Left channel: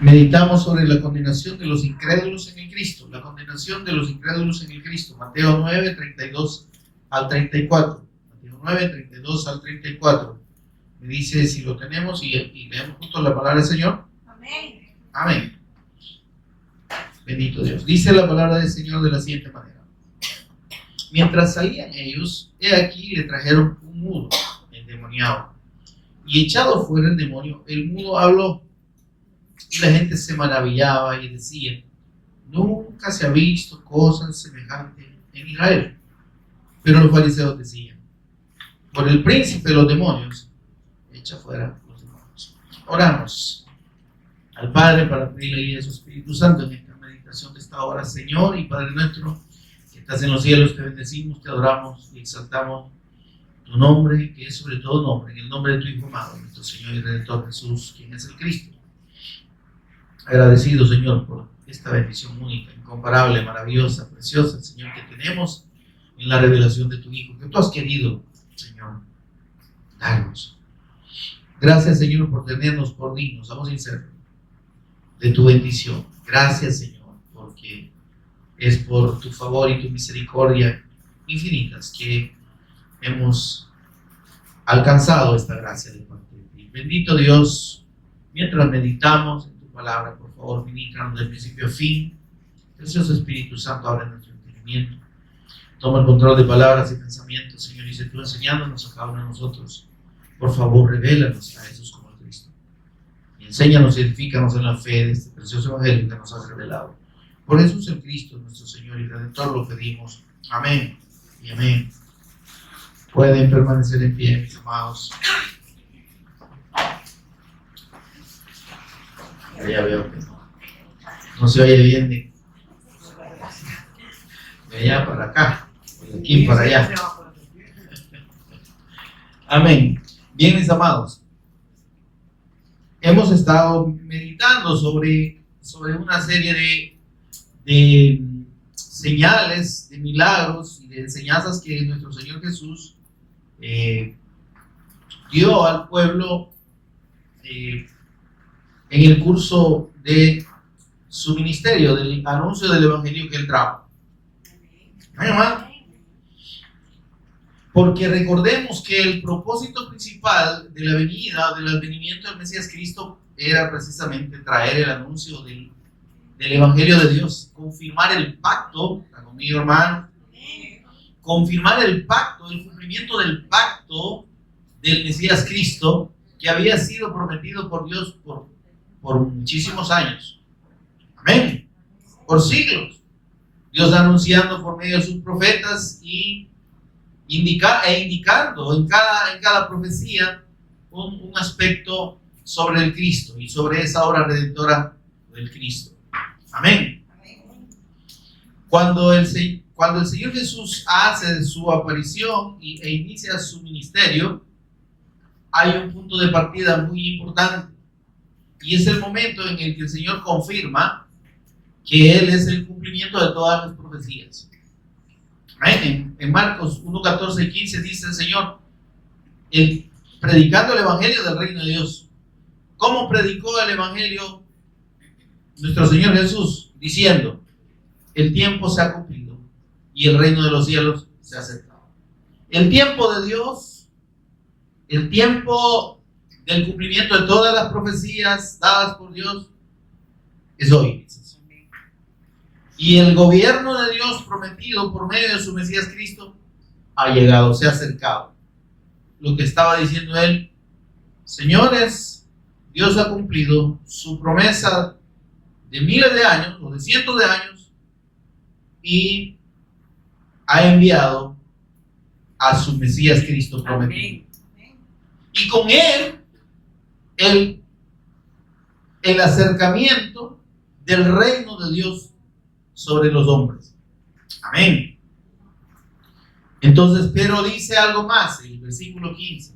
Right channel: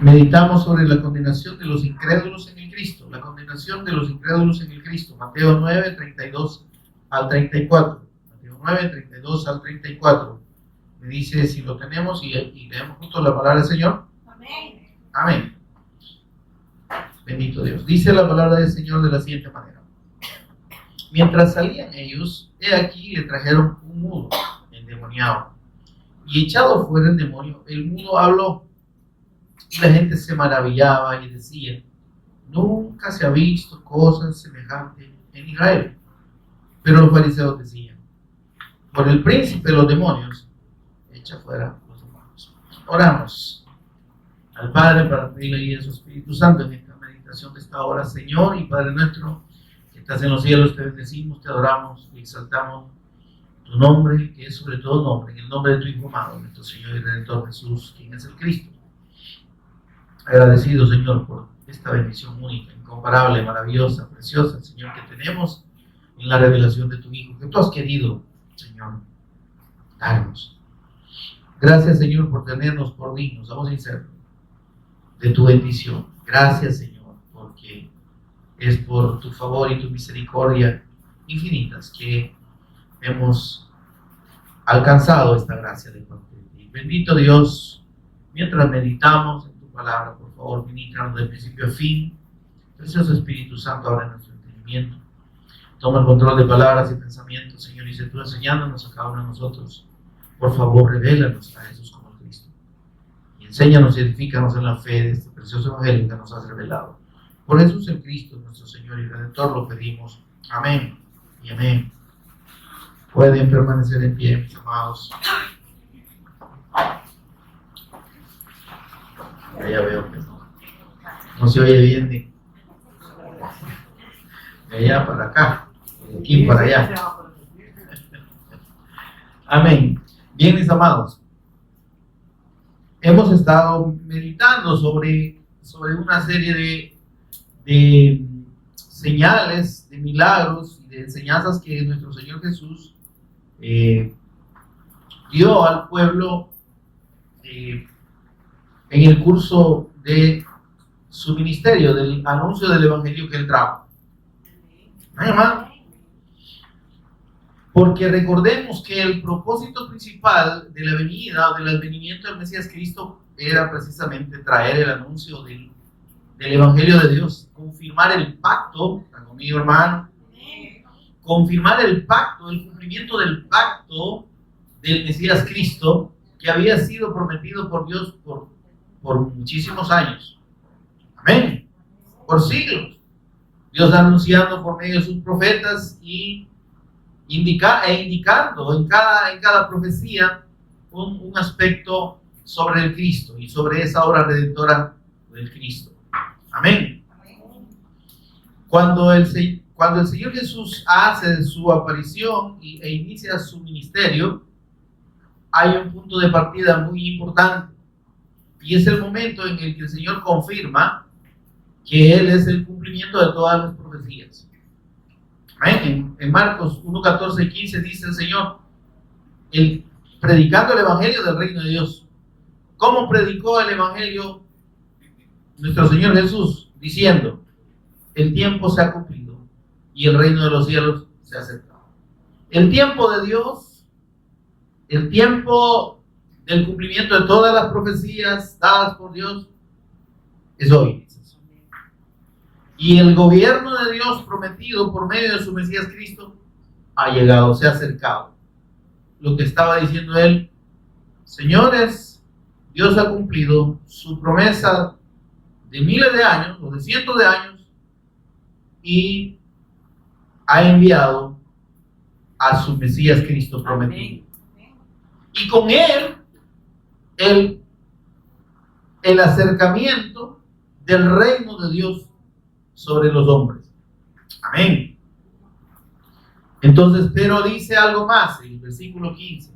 Meditamos sobre la condenación de los incrédulos en el Cristo. La condenación de los incrédulos en el Cristo. Mateo 9, 32 al 34. Mateo 9, 32 al 34. Me dice si lo tenemos y leemos juntos la palabra del Señor. Amén. Amén. Bendito Dios. Dice la palabra del Señor de la siguiente manera. Mientras salían ellos, he aquí le trajeron un mudo endemoniado. Y echado fuera el demonio, el mudo habló. Y la gente se maravillaba y decía: nunca se ha visto cosa semejante en Israel. Pero los fariseos decían: por el príncipe de los demonios, echa fuera los demonios. Oramos al Padre para pedirle ayuda a su Espíritu Santo en esta meditación de esta hora. Señor y Padre nuestro, que estás en los cielos, te bendecimos, te adoramos y exaltamos tu nombre, que es sobre todo nombre, en el nombre de tu Hijo amado, nuestro Señor y Redentor Jesús, quien es el Cristo. Agradecido, Señor, por esta bendición única, incomparable, maravillosa, preciosa, Señor, que tenemos en la revelación de tu Hijo, que tú has querido, Señor, darnos. Gracias, Señor, por tenernos por dignos, vamos a ser de tu bendición. Gracias, Señor, porque es por tu favor y tu misericordia infinitas que hemos alcanzado esta gracia de parte de ti. Bendito Dios, mientras meditamos en tu palabra, por favor, ministranos del principio a fin. Precioso Espíritu Santo, abre nuestro entendimiento. Toma el control de palabras y pensamientos, Señor, y sé tú enseñándonos a cada uno de nosotros. Por favor, revélanos a Jesús como el Cristo. Y enséñanos y edifícanos en la fe de este precioso evangelio que nos has revelado. Por Jesús el Cristo, nuestro Señor y Redentor, lo pedimos. Amén y amén. Pueden permanecer en pie, mis amados. Ya veo que no se oye bien de allá para acá, de aquí para allá. Amén. Bien, mis amados, hemos estado meditando sobre una serie de señales, de milagros y de enseñanzas que nuestro Señor Jesús dio al pueblo en el curso de su ministerio, del anuncio del evangelio que él trajo. Hermano, porque recordemos que el propósito principal de la venida, del advenimiento del Mesías Cristo, era precisamente traer el anuncio del evangelio de Dios, confirmar el pacto, ¿está conmigo, hermano? Confirmar el pacto, el cumplimiento del pacto del Mesías Cristo, que había sido prometido por Dios por muchísimos años. Amén. Por siglos. Dios anunciando por medio de sus profetas y indicando en cada profecía un aspecto sobre el Cristo y sobre esa obra redentora del Cristo. Amén. Cuando el Señor Jesús hace su aparición e inicia su ministerio, hay un punto de partida muy importante, y es el momento en el que el Señor confirma que Él es el cumplimiento de todas las profecías. Amén. En Marcos 1, 14 y 15 dice el Señor, predicando el evangelio del reino de Dios. ¿Cómo predicó el evangelio nuestro Señor Jesús? Diciendo: el tiempo se ha cumplido y el reino de los cielos se ha acercado. El tiempo de Dios, el tiempo del cumplimiento de todas las profecías dadas por Dios, es hoy. Y el gobierno de Dios prometido por medio de su Mesías Cristo ha llegado, se ha acercado. Lo que estaba diciendo él: señores, Dios ha cumplido su promesa de miles de años o de cientos de años y ha enviado a su Mesías Cristo prometido. Y con él el acercamiento del reino de Dios sobre los hombres. Amén. Entonces, pero dice algo más en el versículo 15.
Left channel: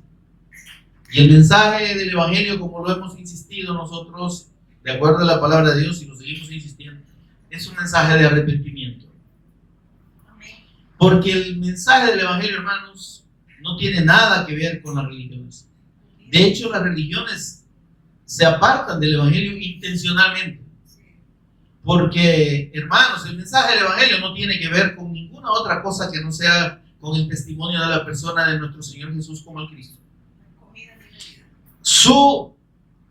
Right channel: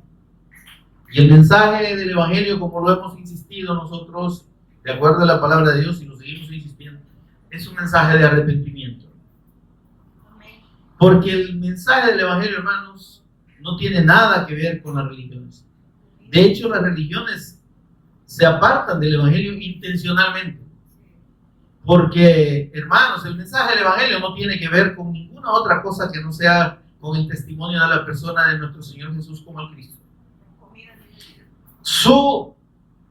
Y el mensaje del evangelio, como lo hemos insistido nosotros, de acuerdo a la palabra de Dios, y lo seguimos insistiendo, es un mensaje de arrepentimiento. Porque el mensaje del evangelio, hermanos, no tiene nada que ver con las religiones. De hecho, las religiones se apartan del Evangelio intencionalmente. Porque, hermanos, el mensaje del Evangelio no tiene que ver con ninguna otra cosa que no sea con el testimonio de la persona de nuestro Señor Jesús como el Cristo. Su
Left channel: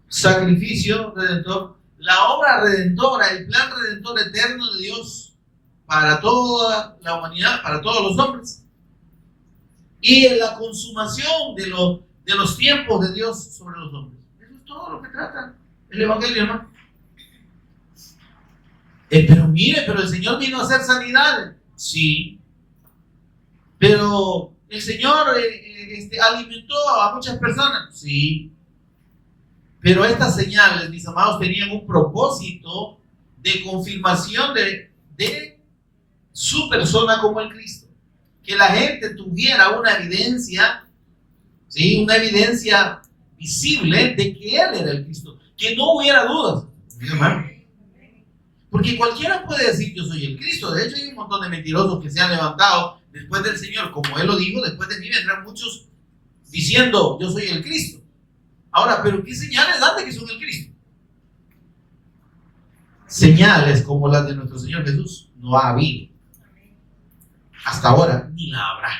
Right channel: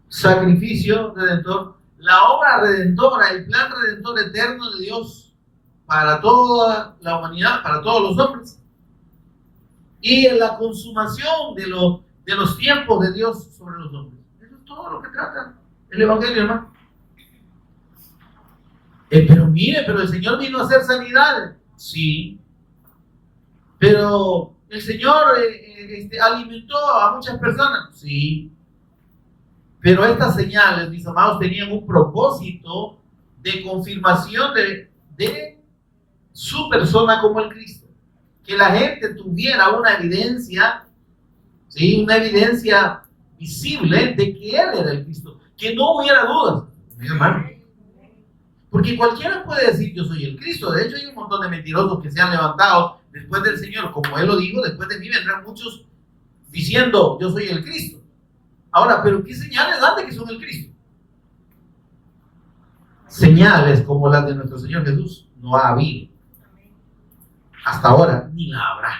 sacrificio redentor, la obra redentora, el plan redentor eterno de Dios para toda la humanidad, para todos los hombres, y en la consumación de los tiempos de Dios sobre los hombres. Eso es todo lo que trata el Evangelio, hermano. Pero el Señor vino a hacer sanidades. Sí. Pero el Señor alimentó a muchas personas. Sí. Pero estas señales, mis amados, tenían un propósito de confirmación de su persona como el Cristo. Que la gente tuviera una evidencia, ¿sí? Una evidencia visible de que Él era el Cristo. Que no hubiera dudas. Mi hermano. Porque cualquiera puede decir yo soy el Cristo. De hecho hay un montón de mentirosos que se han levantado después del Señor. Como Él lo dijo, después de mí vendrán muchos diciendo yo soy el Cristo. Ahora, ¿pero qué señales dan de que son el Cristo? Señales como las de nuestro Señor Jesús no ha habido. Hasta ahora, ni la habrá.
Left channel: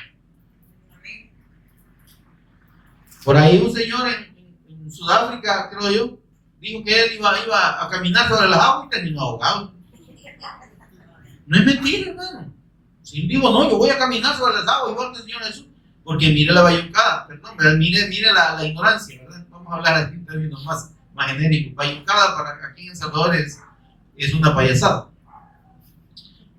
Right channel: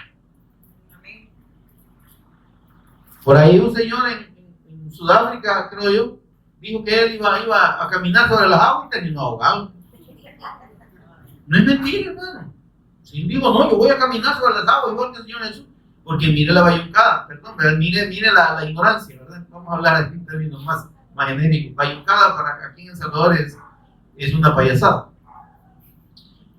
Por ahí un señor en Sudáfrica, creo yo, dijo que él iba a caminar sobre las aguas y terminó ahogado. No es mentira, hermano. Si digo, no, yo voy a caminar sobre las aguas igual que el Señor Jesús. Porque mire la bayuncada, perdón, mire la ignorancia, ¿verdad? Vamos a hablar en términos más genéricos. Bayuncada para aquí en El Salvador es una payasada.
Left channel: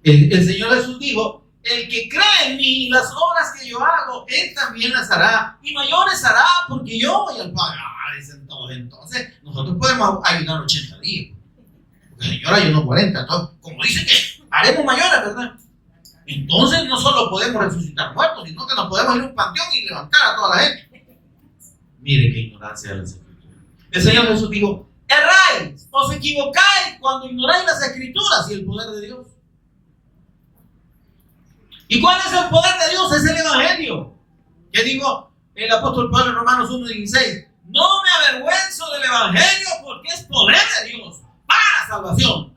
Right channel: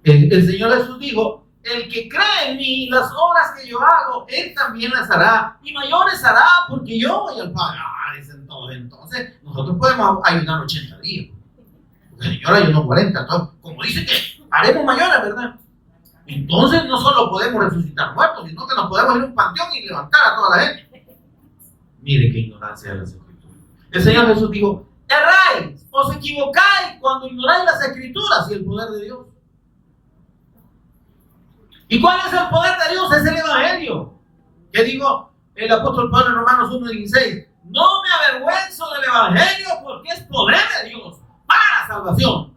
El Señor Jesús dijo, el que cree en mí, las obras que yo hago, él también las hará. Y mayores hará porque yo voy al Padre. Entonces, nosotros podemos ayunar 80 días. Porque el Señor ayunó 40. Entonces, como dice que haremos mayores, ¿verdad? Entonces, no solo podemos resucitar muertos, sino que nos podemos ir a un panteón y levantar a toda la gente. Mire qué ignorancia de las Escrituras. El Señor Jesús dijo: erráis, os equivocáis cuando ignoráis las Escrituras y el poder de Dios. ¿Y cuál es el poder de Dios? Es el Evangelio. ¿Qué dijo el apóstol Pablo en Romanos 1:16? No me avergüenzo del Evangelio porque es poder de Dios para salvación.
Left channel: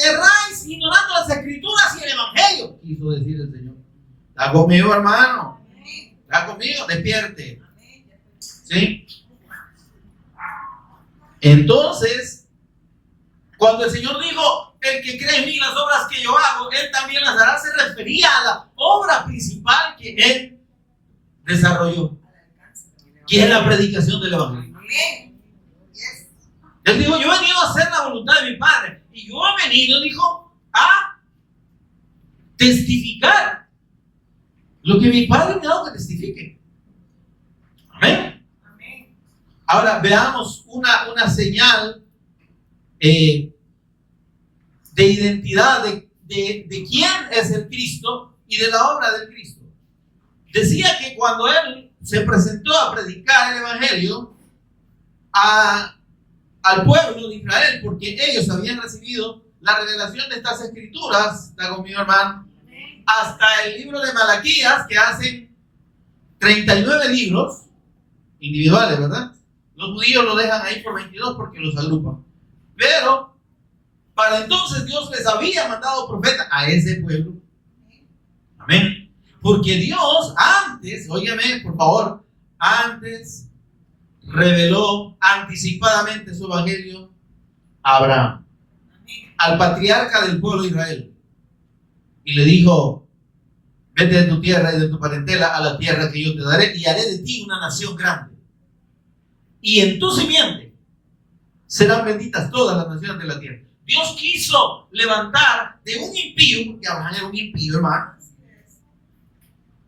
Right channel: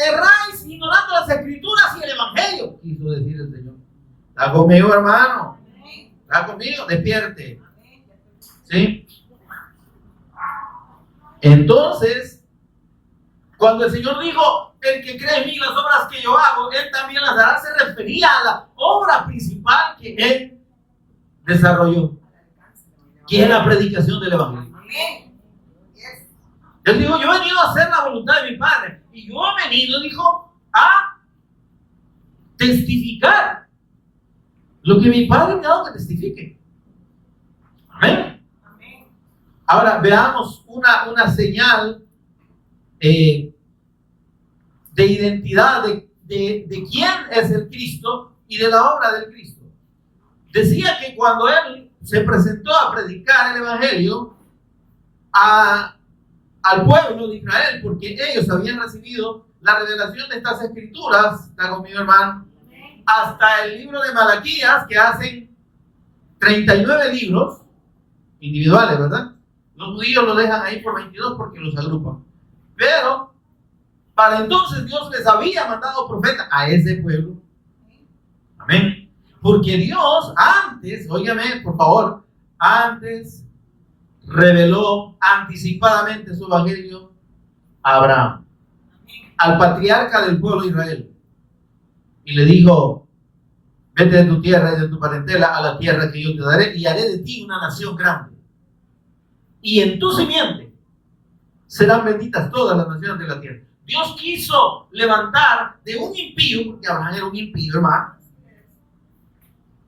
Erráis ignorando las Escrituras y el Evangelio, quiso decir el Señor. ¿Está conmigo, hermano? ¿Está conmigo? Despierte. ¿Sí? Entonces, cuando el Señor dijo, el que cree en mí, las obras que yo hago, él también las hará, se refería a la obra principal que él desarrolló, que es la predicación del Evangelio. Él dijo, yo he venido a hacer la voluntad de mi Padre. Y yo he venido, dijo, a testificar lo que mi Padre me ha dado que testifique. Amén. Ahora veamos una señal de identidad de quién es el Cristo y de la obra del Cristo. Decía que cuando él se presentó a predicar el Evangelio al pueblo de Israel, porque ellos habían recibido la revelación de estas Escrituras, está conmigo, hermano, hasta el libro de Malaquías, que hacen 39 libros individuales, ¿verdad? Los judíos lo dejan ahí por 22 porque los agrupan. Pero para entonces Dios les había mandado profeta a ese pueblo. Amén. Porque Dios antes, óigame por favor, antes reveló anticipadamente su evangelio a Abraham, al patriarca del pueblo de Israel, y le dijo: vete de tu tierra y de tu parentela a la tierra que yo te daré, y haré de ti una nación grande, y en tu simiente serán benditas todas las naciones de la tierra. Dios quiso levantar de un impío, porque Abraham era un impío, hermano.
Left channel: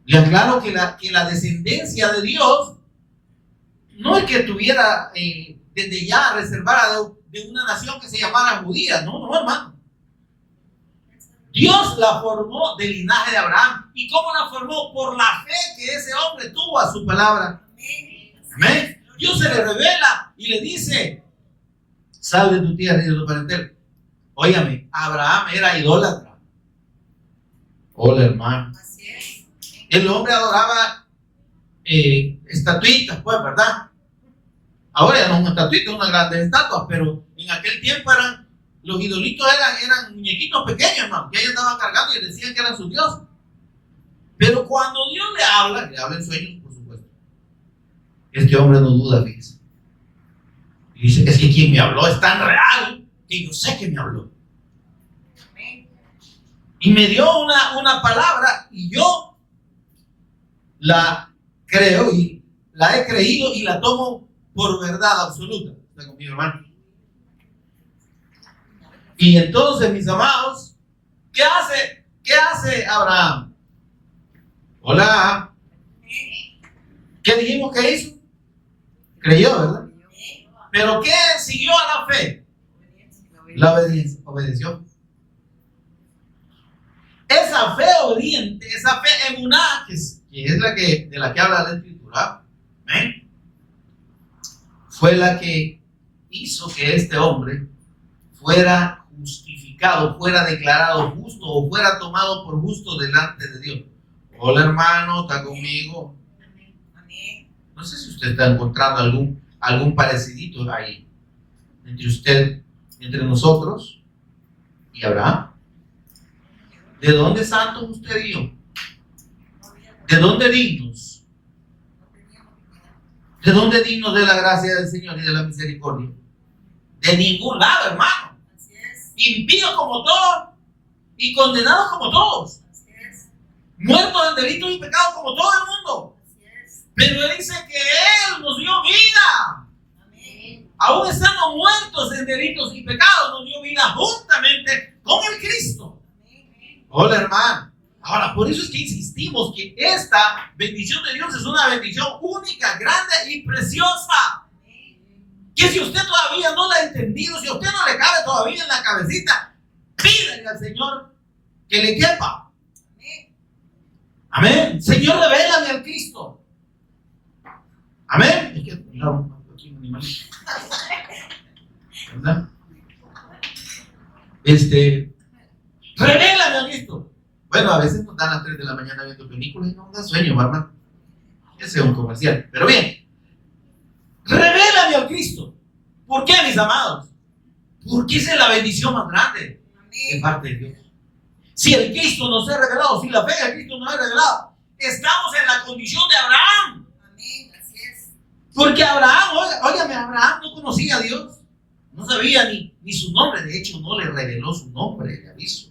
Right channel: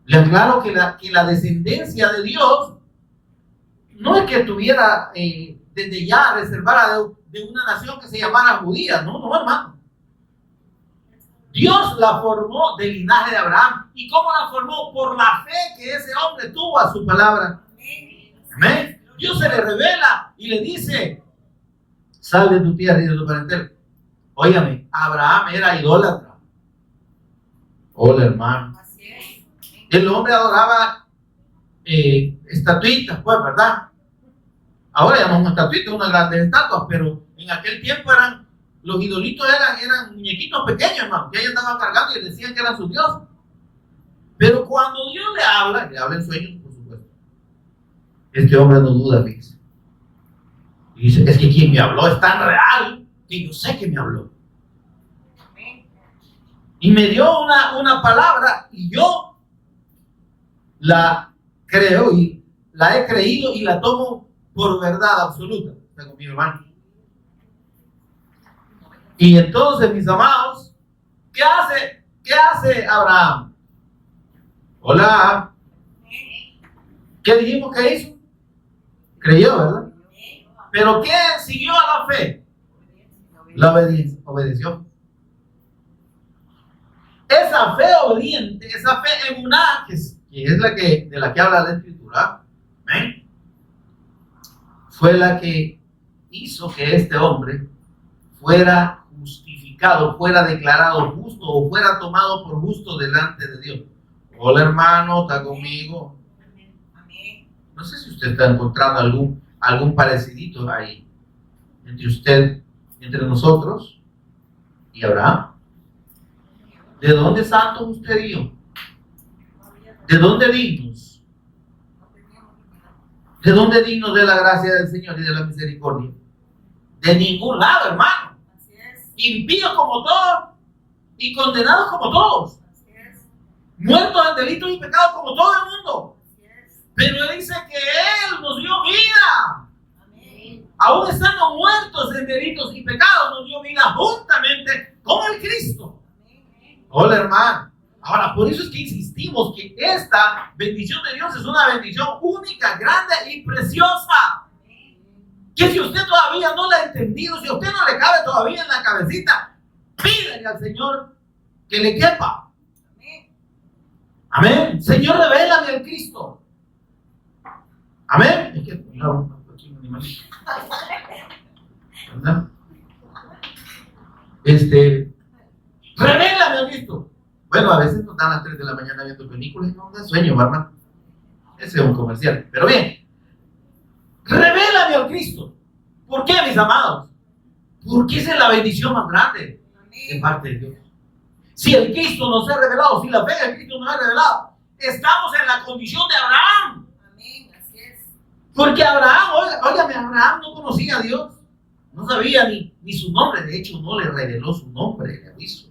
Le aclaro que la descendencia de Dios no es que estuviera desde ya reservada de una nación que se llamara judía, no, hermano. Dios la formó del linaje de Abraham. ¿Y cómo la formó? Por la fe que ese hombre tuvo a su palabra. Amén. Dios se le revela y le dice: sal de tu tierra y de tu parentela. Óigame, Abraham era idólatra. Hola, hermano. El hombre adoraba estatuitas, pues, ¿verdad? Ahora ya no es una estatuita, una grande estatua, pero en aquel tiempo los idolitos eran muñequitos pequeños, hermano, que ellos andaban cargando y decían que eran sus dioses. Pero cuando Dios le habla en sueños, por supuesto. Este hombre no duda, fíjese. Y dice, es que quien me habló es tan real que yo sé que me habló. Y me dio una palabra y yo la creo y la he creído y la tomo por verdad absoluta. ¿Está conmigo, hermano? Y entonces, mis amados, ¿qué hace Abraham? Hola. ¿Qué dijimos que hizo? Creyó, ¿verdad? ¿Pero qué siguió a la fe? La obediencia. Obedeció. Esa fe obediente, esa fe emuná, que es de la que habla la Escritura, ¿eh? Fue la que hizo que este hombre fuera justificado, fuera declarado justo o fuera tomado por justo delante de Dios. Hola, hermano, ¿está conmigo? No sé si usted está encontrando algún parecidito ahí entre nosotros y Abraham. ¿De dónde santos usted y yo? ¿De dónde dignos? ¿De dónde dignos de la gracia del Señor y de la misericordia? De ningún lado, hermano. Impíos como todos y condenados como todos. Muertos en delitos y pecados como todo el mundo. Pero Él dice que Él nos dio vida. Aún estando muertos en delitos y pecados, nos dio vida juntamente con el Cristo. Hola, hermano. Ahora, por eso es que insistimos que esta bendición de Dios es una bendición única, grande y preciosa. Que si usted todavía no la ha entendido, si a usted no le cabe todavía en la cabecita, pídele al Señor que le quepa. Amén. Señor, revélame al Cristo. Amén. Es que aquí un animalito. ¿Verdad? Revélame al Cristo. Bueno, a veces nos dan a las 3 de la mañana viendo películas y no nos da sueño, hermano. Ese es un comercial. Pero bien, revélame al Cristo. ¿Por qué, mis amados? Porque esa es la bendición más grande de parte de Dios. Si el Cristo nos ha revelado, si la fe del Cristo nos ha revelado, estamos en la condición de Abraham. Amén, así es. Porque Abraham, óigame, Abraham no conocía a Dios. No sabía ni su nombre. De hecho, no le reveló su nombre, le aviso.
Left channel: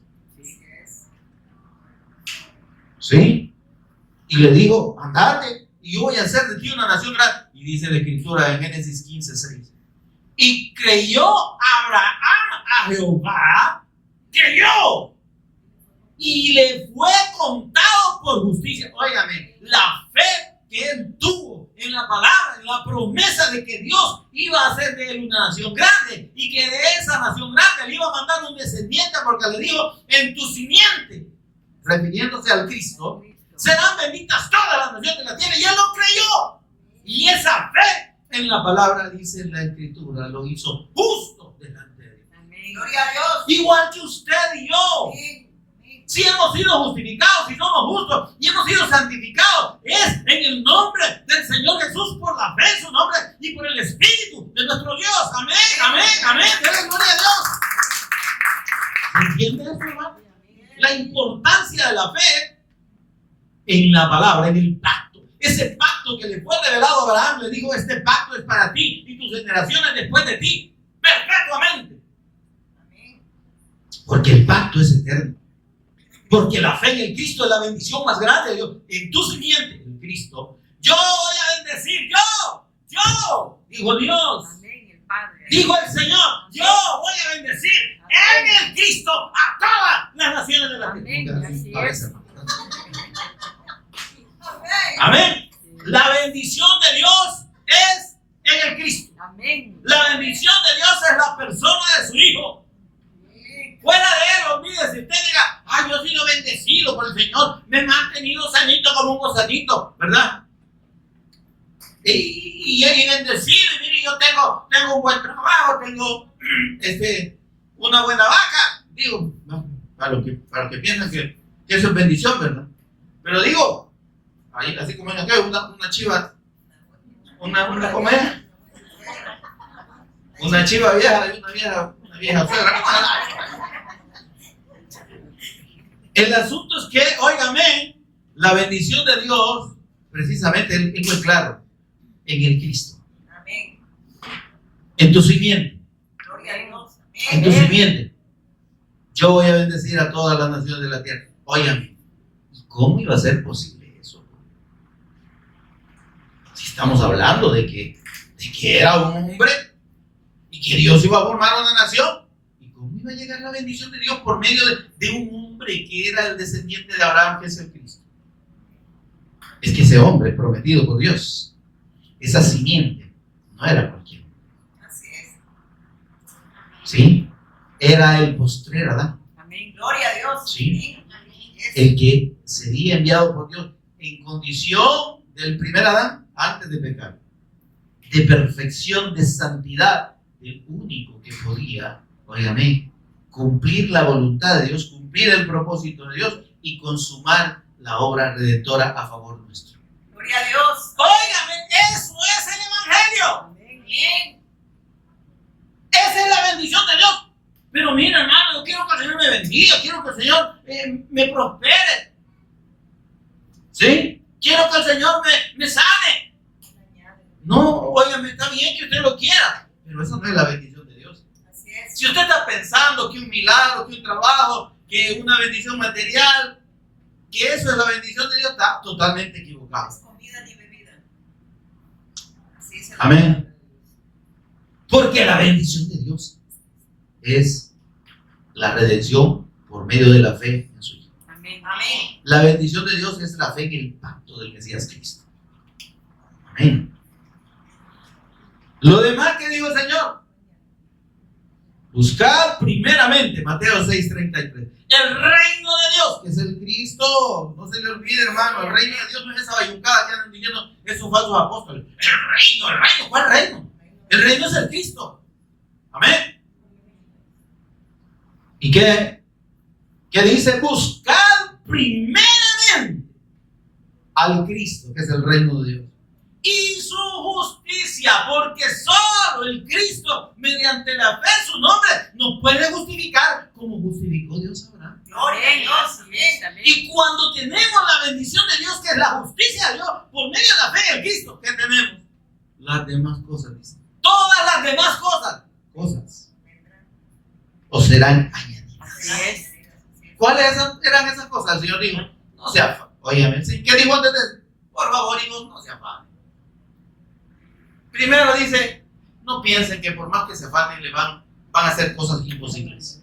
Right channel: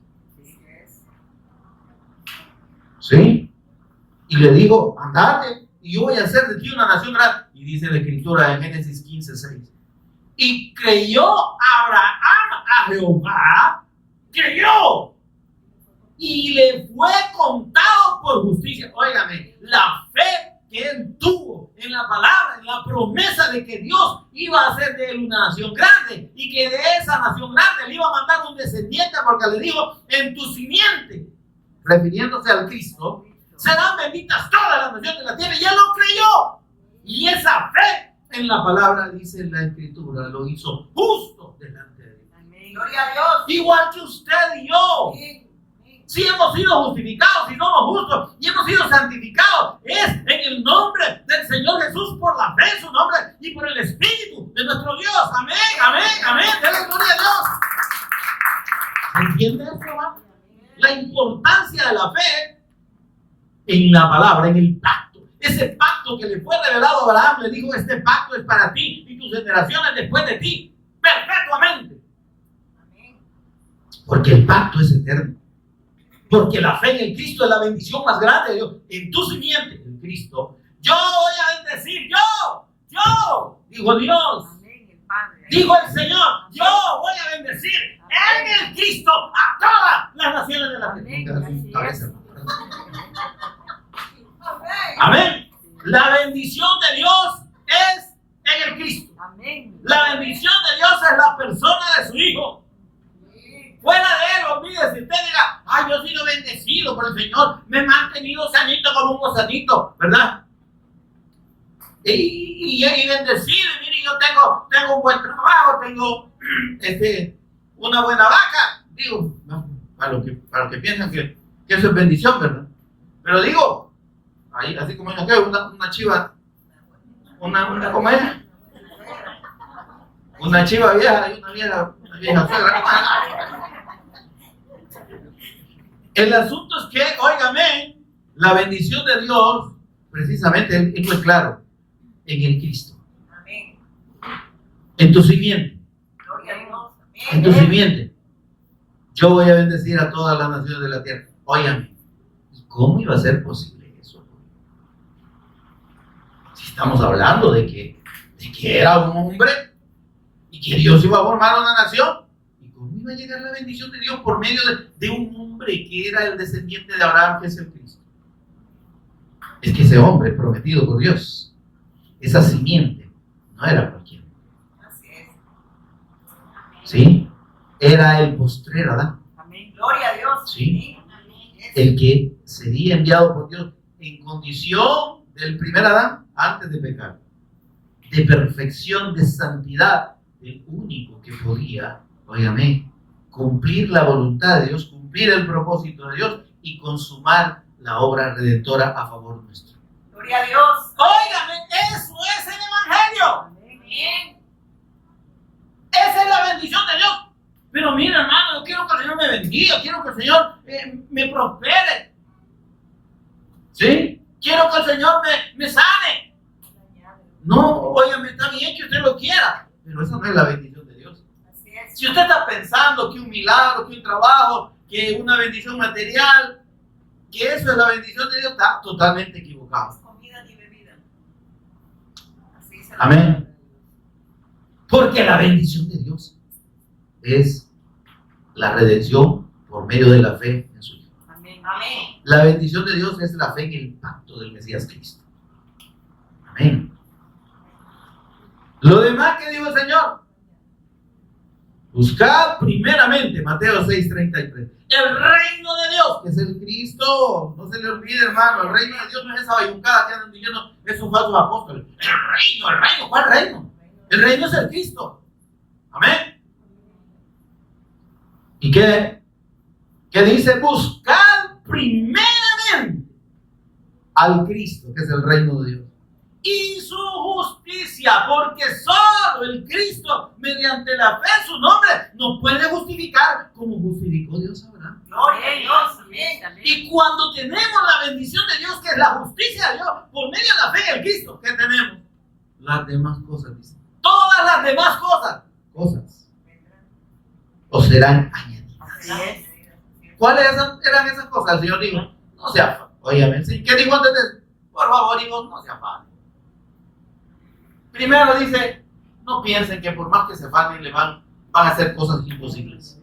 ¿Sí? Y le digo, andate y yo voy a hacer de ti una nación grande. Y dice la Escritura en Génesis 15:6. Y creyó Abraham a Jehová, creyó, y le fue contado por justicia. Óigame, la fe que él tuvo en la palabra, en la promesa de que Dios iba a hacer de él una nación grande y que de esa nación grande le iba a mandar un descendiente, porque le dijo, en tu simiente, refiriéndose al Cristo, serán benditas todas las naciones de la tierra. Y él lo creyó. Y esa fe en la palabra, dice en la Escritura, lo hizo justo delante de Dios. Amén. Gloria a Dios. Igual que usted y yo. Amén. Si hemos sido justificados, si somos justos y hemos sido santificados, es en el nombre del Señor Jesús, por la fe en su nombre y por el Espíritu de nuestro Dios. Amén, amén, amén. Denle gloria a Dios. ¿Se entiende eso, hermano? La importancia de la fe en la palabra, en el pacto. Ese pacto que le fue revelado a Abraham, le dijo, este pacto es para ti y tus generaciones después de ti, perpetuamente. Porque el pacto es eterno. Porque la fe en el Cristo es la bendición más grande de Dios. En tu simiente, en Cristo, yo voy a bendecir, yo, dijo Dios. Amén, el Padre. Dijo el Señor, yo voy a bendecir en el Cristo a todas las naciones de la tierra. Amén, así es. Amén. La bendición de Dios es en el Cristo. Amén. La bendición de Dios es la persona de su Hijo. Fuera de él, olvídese. Usted diga, ay, yo he sido bendecido por el Señor, me he mantenido sanito como un gozanito, ¿verdad? Y bendecido, y mire, yo tengo un buen trabajo, tengo una buena vaca. Digo, para los que piensan que eso es bendición, ¿verdad? Pero digo, ahí, así como en aquel, una chiva, ¿cómo es? Una chiva vieja y una vieja suegra. El asunto es que, óigame, la bendición de Dios, precisamente, él fue claro, en el Cristo. Amén. En tu simiente. Gloria a Dios. En tu Amén. simiente. Yo voy a bendecir a todas las naciones de la tierra. Óigame, ¿y cómo iba a ser posible eso? Si estamos hablando de que era un hombre y que Dios iba a formar una nación. ¿Y cómo iba a llegar la bendición de Dios por medio de un hombre que era el descendiente de Abraham, que es el Cristo? Es que ese hombre prometido por Dios, esa simiente, no era cualquiera. Así es. ¿Sí? Era el postrer Adán. Amén. Gloria a Dios. Sí. Amén. Es- El que sería enviado por Dios en condición del primer Adán antes de pecar, de perfección, de santidad, el único que podía, óigame, cumplir la voluntad de Dios, cumplir el propósito de Dios y consumar la obra redentora a favor nuestro. Gloria a Dios. Óigame, eso es el Evangelio. Amén. Esa es la bendición de Dios. Pero mira, hermano, yo quiero que el Señor me bendiga, quiero que el Señor me prospere. ¿Sí? Quiero que el Señor me sane. No, óigame, está bien que usted lo quiera, pero esa no es la bendición de Dios. Así es. Si usted está pensando que un milagro, que un trabajo, que una bendición material, que eso es la bendición de Dios, está totalmente No equivocado. es comida ni bebida. Así es. Amén. Porque la bendición de Dios es la redención por medio de la fe en su Hijo. Amén. Amén. La bendición de Dios es la fe en el pacto del Mesías Cristo. Amén. Lo demás que dijo el Señor, buscad primeramente, Mateo 6:33, el reino de Dios, que es el Cristo. No se le olvide, hermano, el reino de Dios no es esa bayuncada que andan diciendo esos falsos apóstoles. El reino, ¿cuál reino? El reino es el Cristo. Amén. ¿Y qué dice? Buscad primeramente al Cristo, que es el reino de Dios, y su justicia, porque solo el Cristo, mediante la fe en su nombre, nos puede justificar como justificó Dios a Abraham. Gloria a Dios. Amén. Y cuando tenemos la bendición de Dios, que es la justicia de Dios, por medio de la fe en Cristo, ¿qué tenemos? Las demás cosas, dice. Todas las demás cosas, o serán añadidas. Así es. ¿Cuáles eran esas cosas? El Señor dijo, no se afanen. Óyeme, ¿qué dijo antes de eso? Por favor, hijos, no se afanen. Primero dice, no piensen que por más que se afanen le van a hacer cosas imposibles.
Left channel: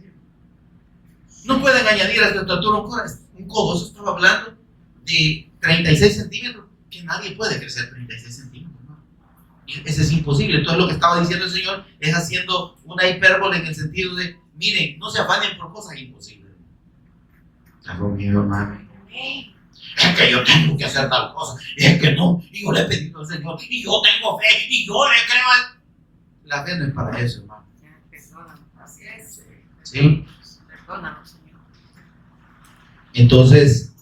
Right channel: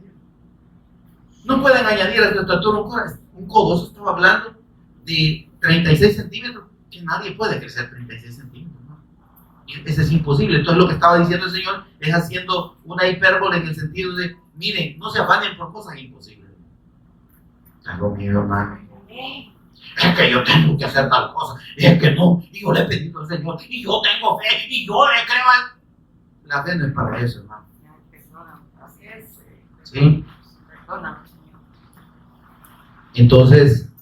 No pueden añadir a su estatura un codo. Eso estaba hablando de 36 centímetros, que nadie puede crecer 36 centímetros, ¿no? Y ese es imposible. Entonces lo que estaba diciendo el Señor es haciendo una hipérbole en el sentido de, miren, no se afanen por cosas imposibles. Algo mío, hermano. Es que yo tengo que hacer tal cosa, y es que no, y yo le he pedido al Señor, y yo tengo fe, y yo le creo a... La fe no es para eso, hermano. Así es. ¿Sí? Perdónanos, Señor. Entonces,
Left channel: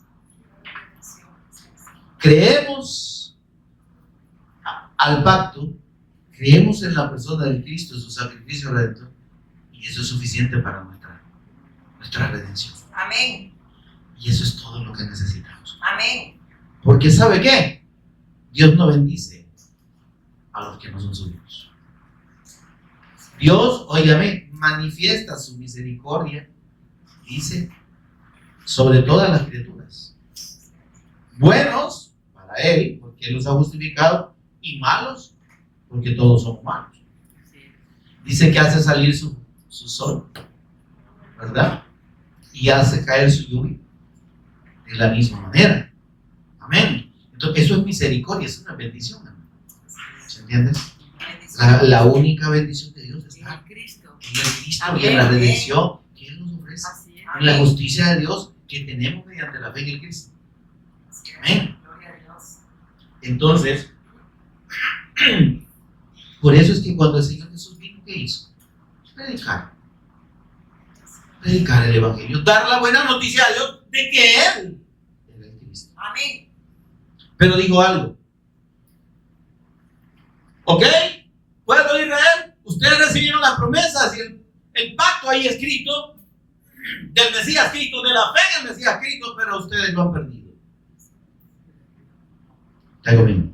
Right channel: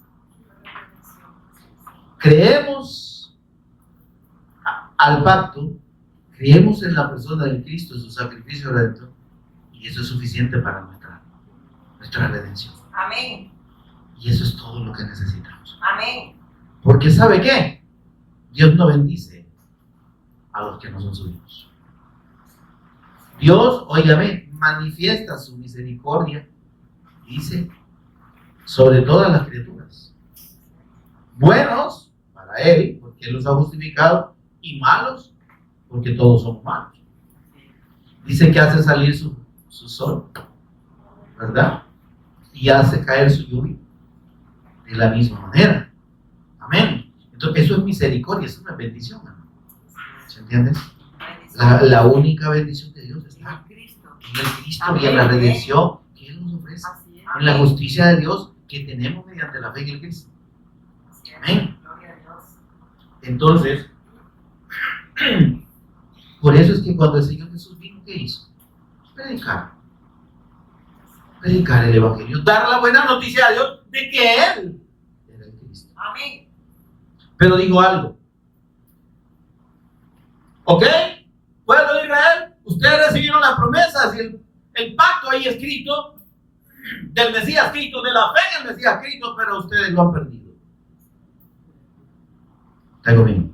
creemos al pacto, creemos en la persona de Cristo, su sacrificio redentor, y eso es suficiente para nuestra redención. Amén. Y eso es todo lo que necesitamos. Amén. Porque ¿sabe qué? Dios no bendice a los que no son suyos. Dios, óigame, manifiesta su misericordia, dice, sobre todas las criaturas. Buenos para Él, porque Él los ha justificado, y malos, porque todos somos malos. Dice que hace salir su sol, ¿verdad? Y hace caer su lluvia de la misma manera. Amén. Entonces, eso es misericordia, es una bendición, hermano. ¿Se entiende? La única bendición de Dios está En Cristo. en el Cristo y en la redención que Él nos ofrece. Así es. En la justicia de Dios que tenemos mediante la fe en el Cristo. Así es. Amén. Gloria a Dios. Entonces, por eso es que cuando el Señor Jesús vino, ¿qué hizo? Predicar el Evangelio, dar la buena noticia a Dios de que Él era el Cristo. Amén. Pero digo algo, ¿ok? Pueblo de Israel, usted es recibieron las promesas y el pacto ahí escrito, del Mesías escrito, de la fe en el Mesías escrito, pero ustedes lo han perdido. ¿Está conmigo?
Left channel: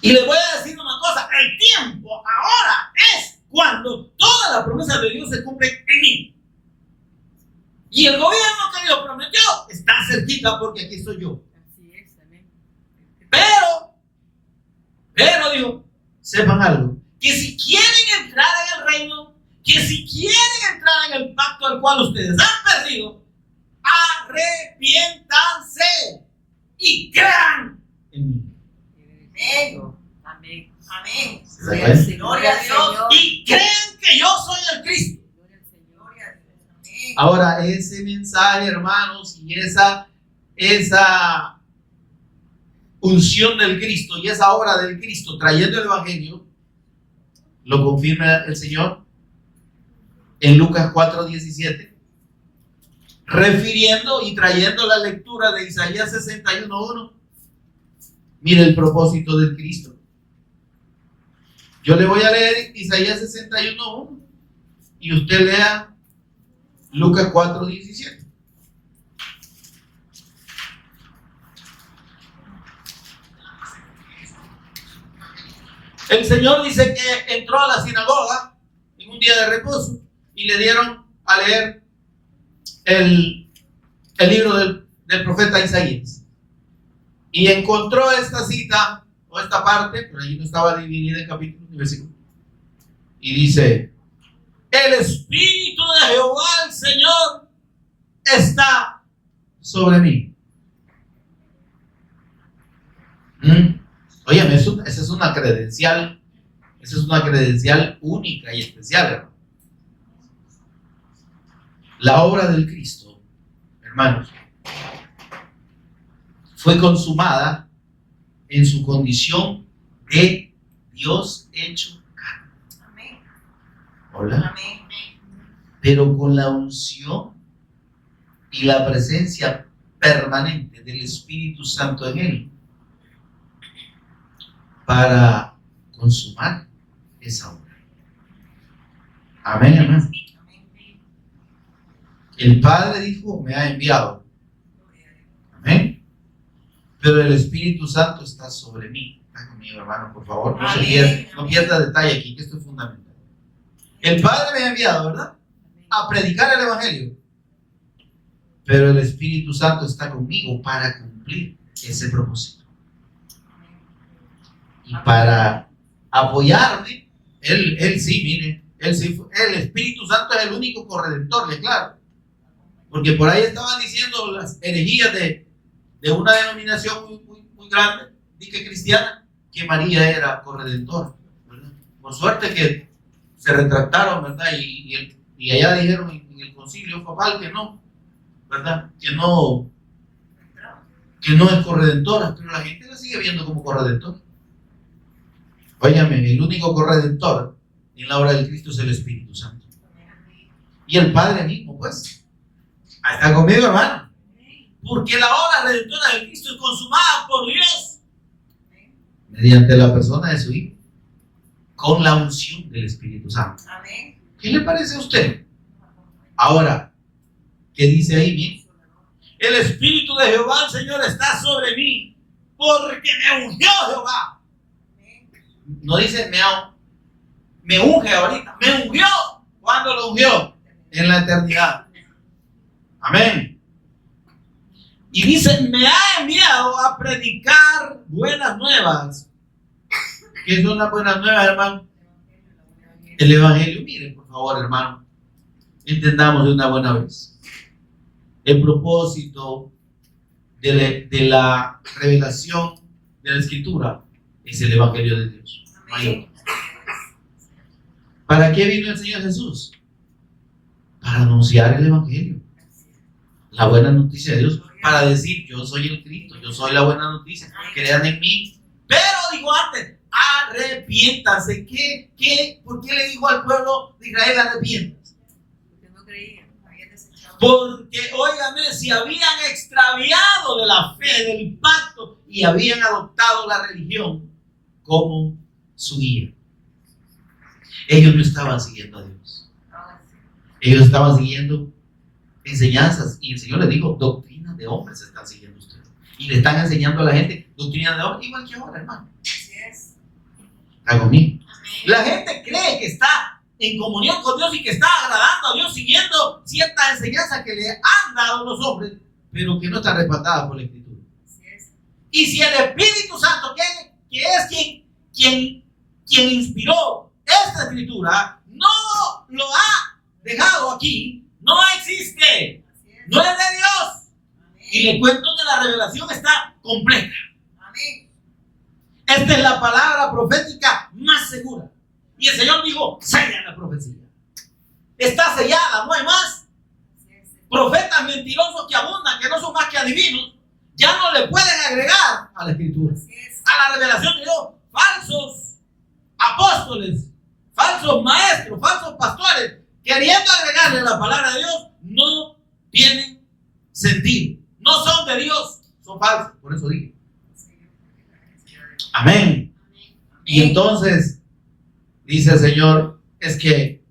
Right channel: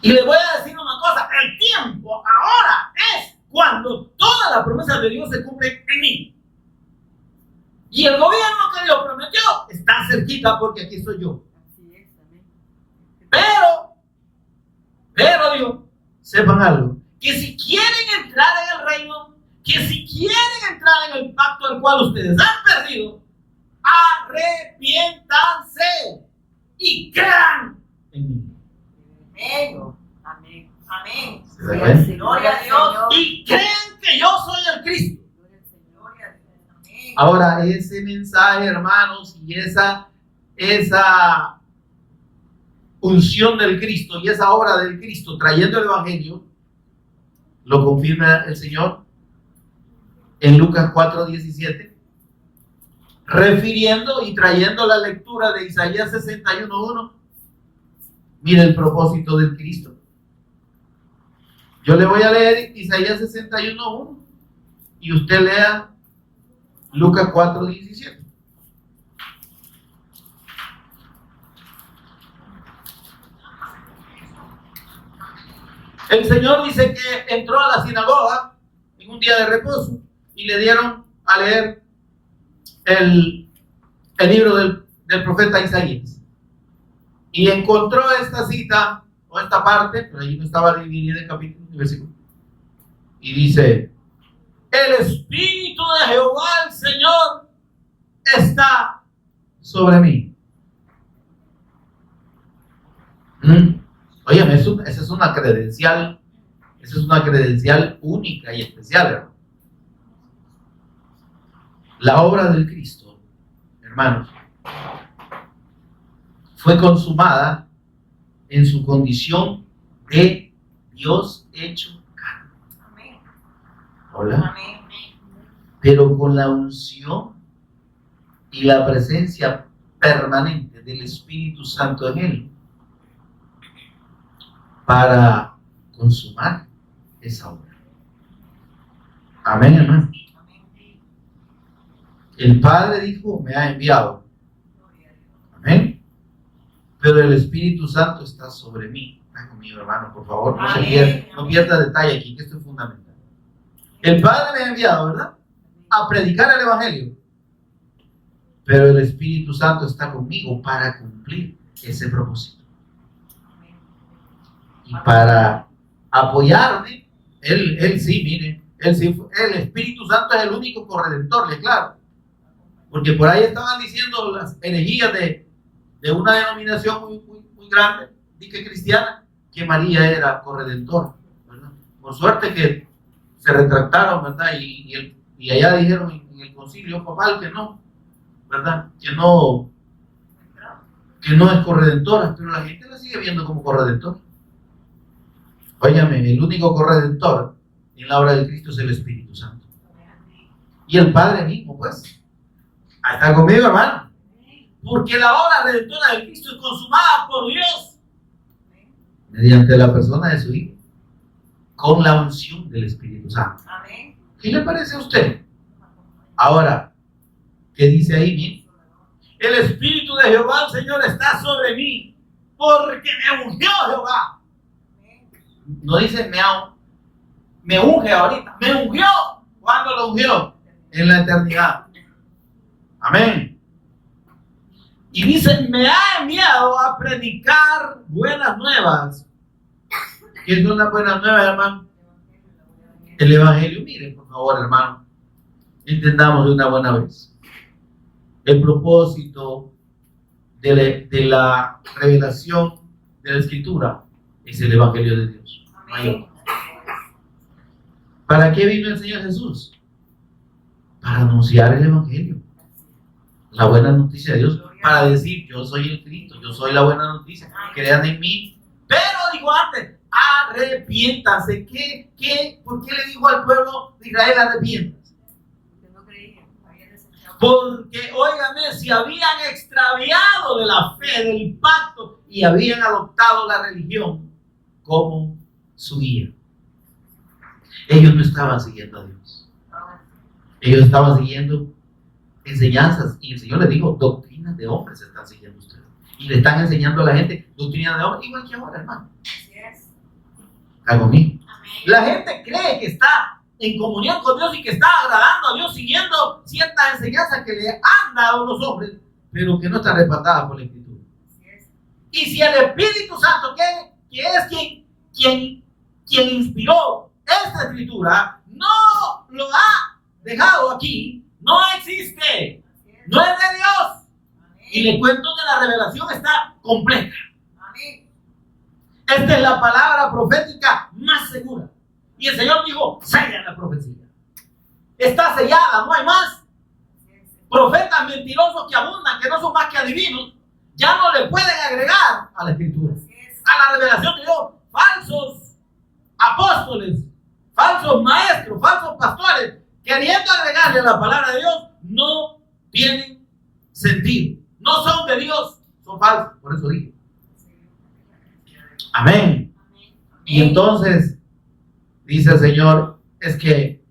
Y les voy a decir una cosa, el tiempo ahora es cuando todas las promesas de Dios se cumplen en mí. Y el gobierno que Dios prometió está cerquita porque aquí estoy yo. Así es, amén. Pero digo, sepan algo, que si quieren entrar en el reino, que si quieren entrar en el pacto al cual ustedes han perdido, arrepiéntanse y crean en mí. Amén. Amén. Gloria a Dios. Y creen que yo soy el Cristo. Gloria a Dios. Amén. Ahora, ese mensaje, hermanos, y esa unción del Cristo y esa obra del Cristo trayendo el Evangelio, lo confirma el Señor en Lucas 4:17, refiriendo y trayendo la lectura de Isaías 61:1. Mire el propósito del Cristo. Yo le voy a leer Isaías 61:1 y usted lea Lucas 4:17. El Señor dice que entró a la sinagoga en un día de reposo y le dieron a leer el libro del profeta Isaías. Y encontró esta cita o esta parte, pero allí no estaba dividida en capítulos y versículos. Y dice: el Espíritu de Jehová, el Señor, está sobre mí. Oye, esa es una credencial. Esa es una credencial única y especial, hermano. La obra del Cristo, hermanos, fue consumada en su condición de Dios hecho carne. Amén. Hola. Amén. Pero con la unción y la presencia permanente del Espíritu Santo en él para consumar esa obra. Amén, hermano. El Padre dijo: me ha enviado. Amén. Pero el Espíritu Santo está sobre mí. Está conmigo, hermano, por favor. No pierda detalle aquí, que esto es fundamental. El Padre me ha enviado, ¿verdad?, a predicar el Evangelio. Pero el Espíritu Santo está conmigo para cumplir ese propósito. Y para apoyarme, él sí, mire, el Espíritu Santo es el único corredentor, le claro. Porque por ahí estaban diciendo las herejías de una denominación muy grande, dije cristiana, que María era corredentora, ¿verdad? Por suerte que se retractaron, ¿verdad? Y allá dijeron en el concilio papal que no, ¿verdad? Que no es corredentora, pero la gente la sigue viendo como corredentora. Óyame, el único corredentor en la obra del Cristo es el Espíritu Santo. Y el Padre mismo, pues. ¿Está conmigo, hermano? Porque la obra redentora del Cristo es consumada por Dios mediante la persona de su Hijo, con la unción del Espíritu Santo. Amén. ¿Qué le parece a usted? Ahora, ¿qué dice ahí? Bien. El Espíritu de Jehová, el Señor, está sobre mí, porque me ungió Jehová. No dice me unge ahorita, me ungió. ¿Cuándo lo ungió? En la eternidad. Amén. Y dice: me ha enviado a predicar buenas nuevas. ¿Qué son las buenas nuevas, hermano? El Evangelio. Miren, por favor, hermano, entendamos de una buena vez. El propósito de la revelación de la Escritura es el Evangelio de Dios. Amén. ¿Para qué vino el Señor Jesús? Para anunciar el Evangelio, la buena noticia de Dios, para decir: yo soy el Cristo, yo soy la buena noticia, crean en mí. Pero digo antes, arrepiéntase. ¿Por qué le dijo al pueblo de Israel arrepiéntase? Porque no creían, habían desechado. Porque, óigame, si habían extraviado de la fe, del pacto, y habían adoptado la religión como su guía. Ellos no estaban siguiendo a Dios. Ellos estaban siguiendo enseñanzas. Y el Señor les dijo, doctrinas de hombres están siguiendo ustedes. Y le están enseñando a la gente doctrinas de hombres, igual que ahora, hermano. Así es. Está conmigo. La gente cree que está en comunión con Dios y que está agradando a Dios siguiendo ciertas enseñanzas que le han dado los hombres, pero que no están respaldadas por la Escritura. Así es. Y si el Espíritu Santo, que es quien inspiró esta Escritura, no lo ha dejado aquí, no existe, Así es. no es de Dios. Y Amén. le cuento que la revelación está completa. Amén. Esta es la palabra profética más segura. Y el Señor dijo, sella la profecía. Está sellada, no hay más. Así es. Profetas mentirosos que abundan, que no son más que adivinos, ya no le pueden agregar a la Escritura, Así es. a la revelación de Dios. Falsos apóstoles, falsos maestros, falsos pastores, queriendo agregarle a la palabra de Dios, no tienen sentido. No son de Dios, son falsos. Por eso dije. Amén. Y entonces dice el Señor, es que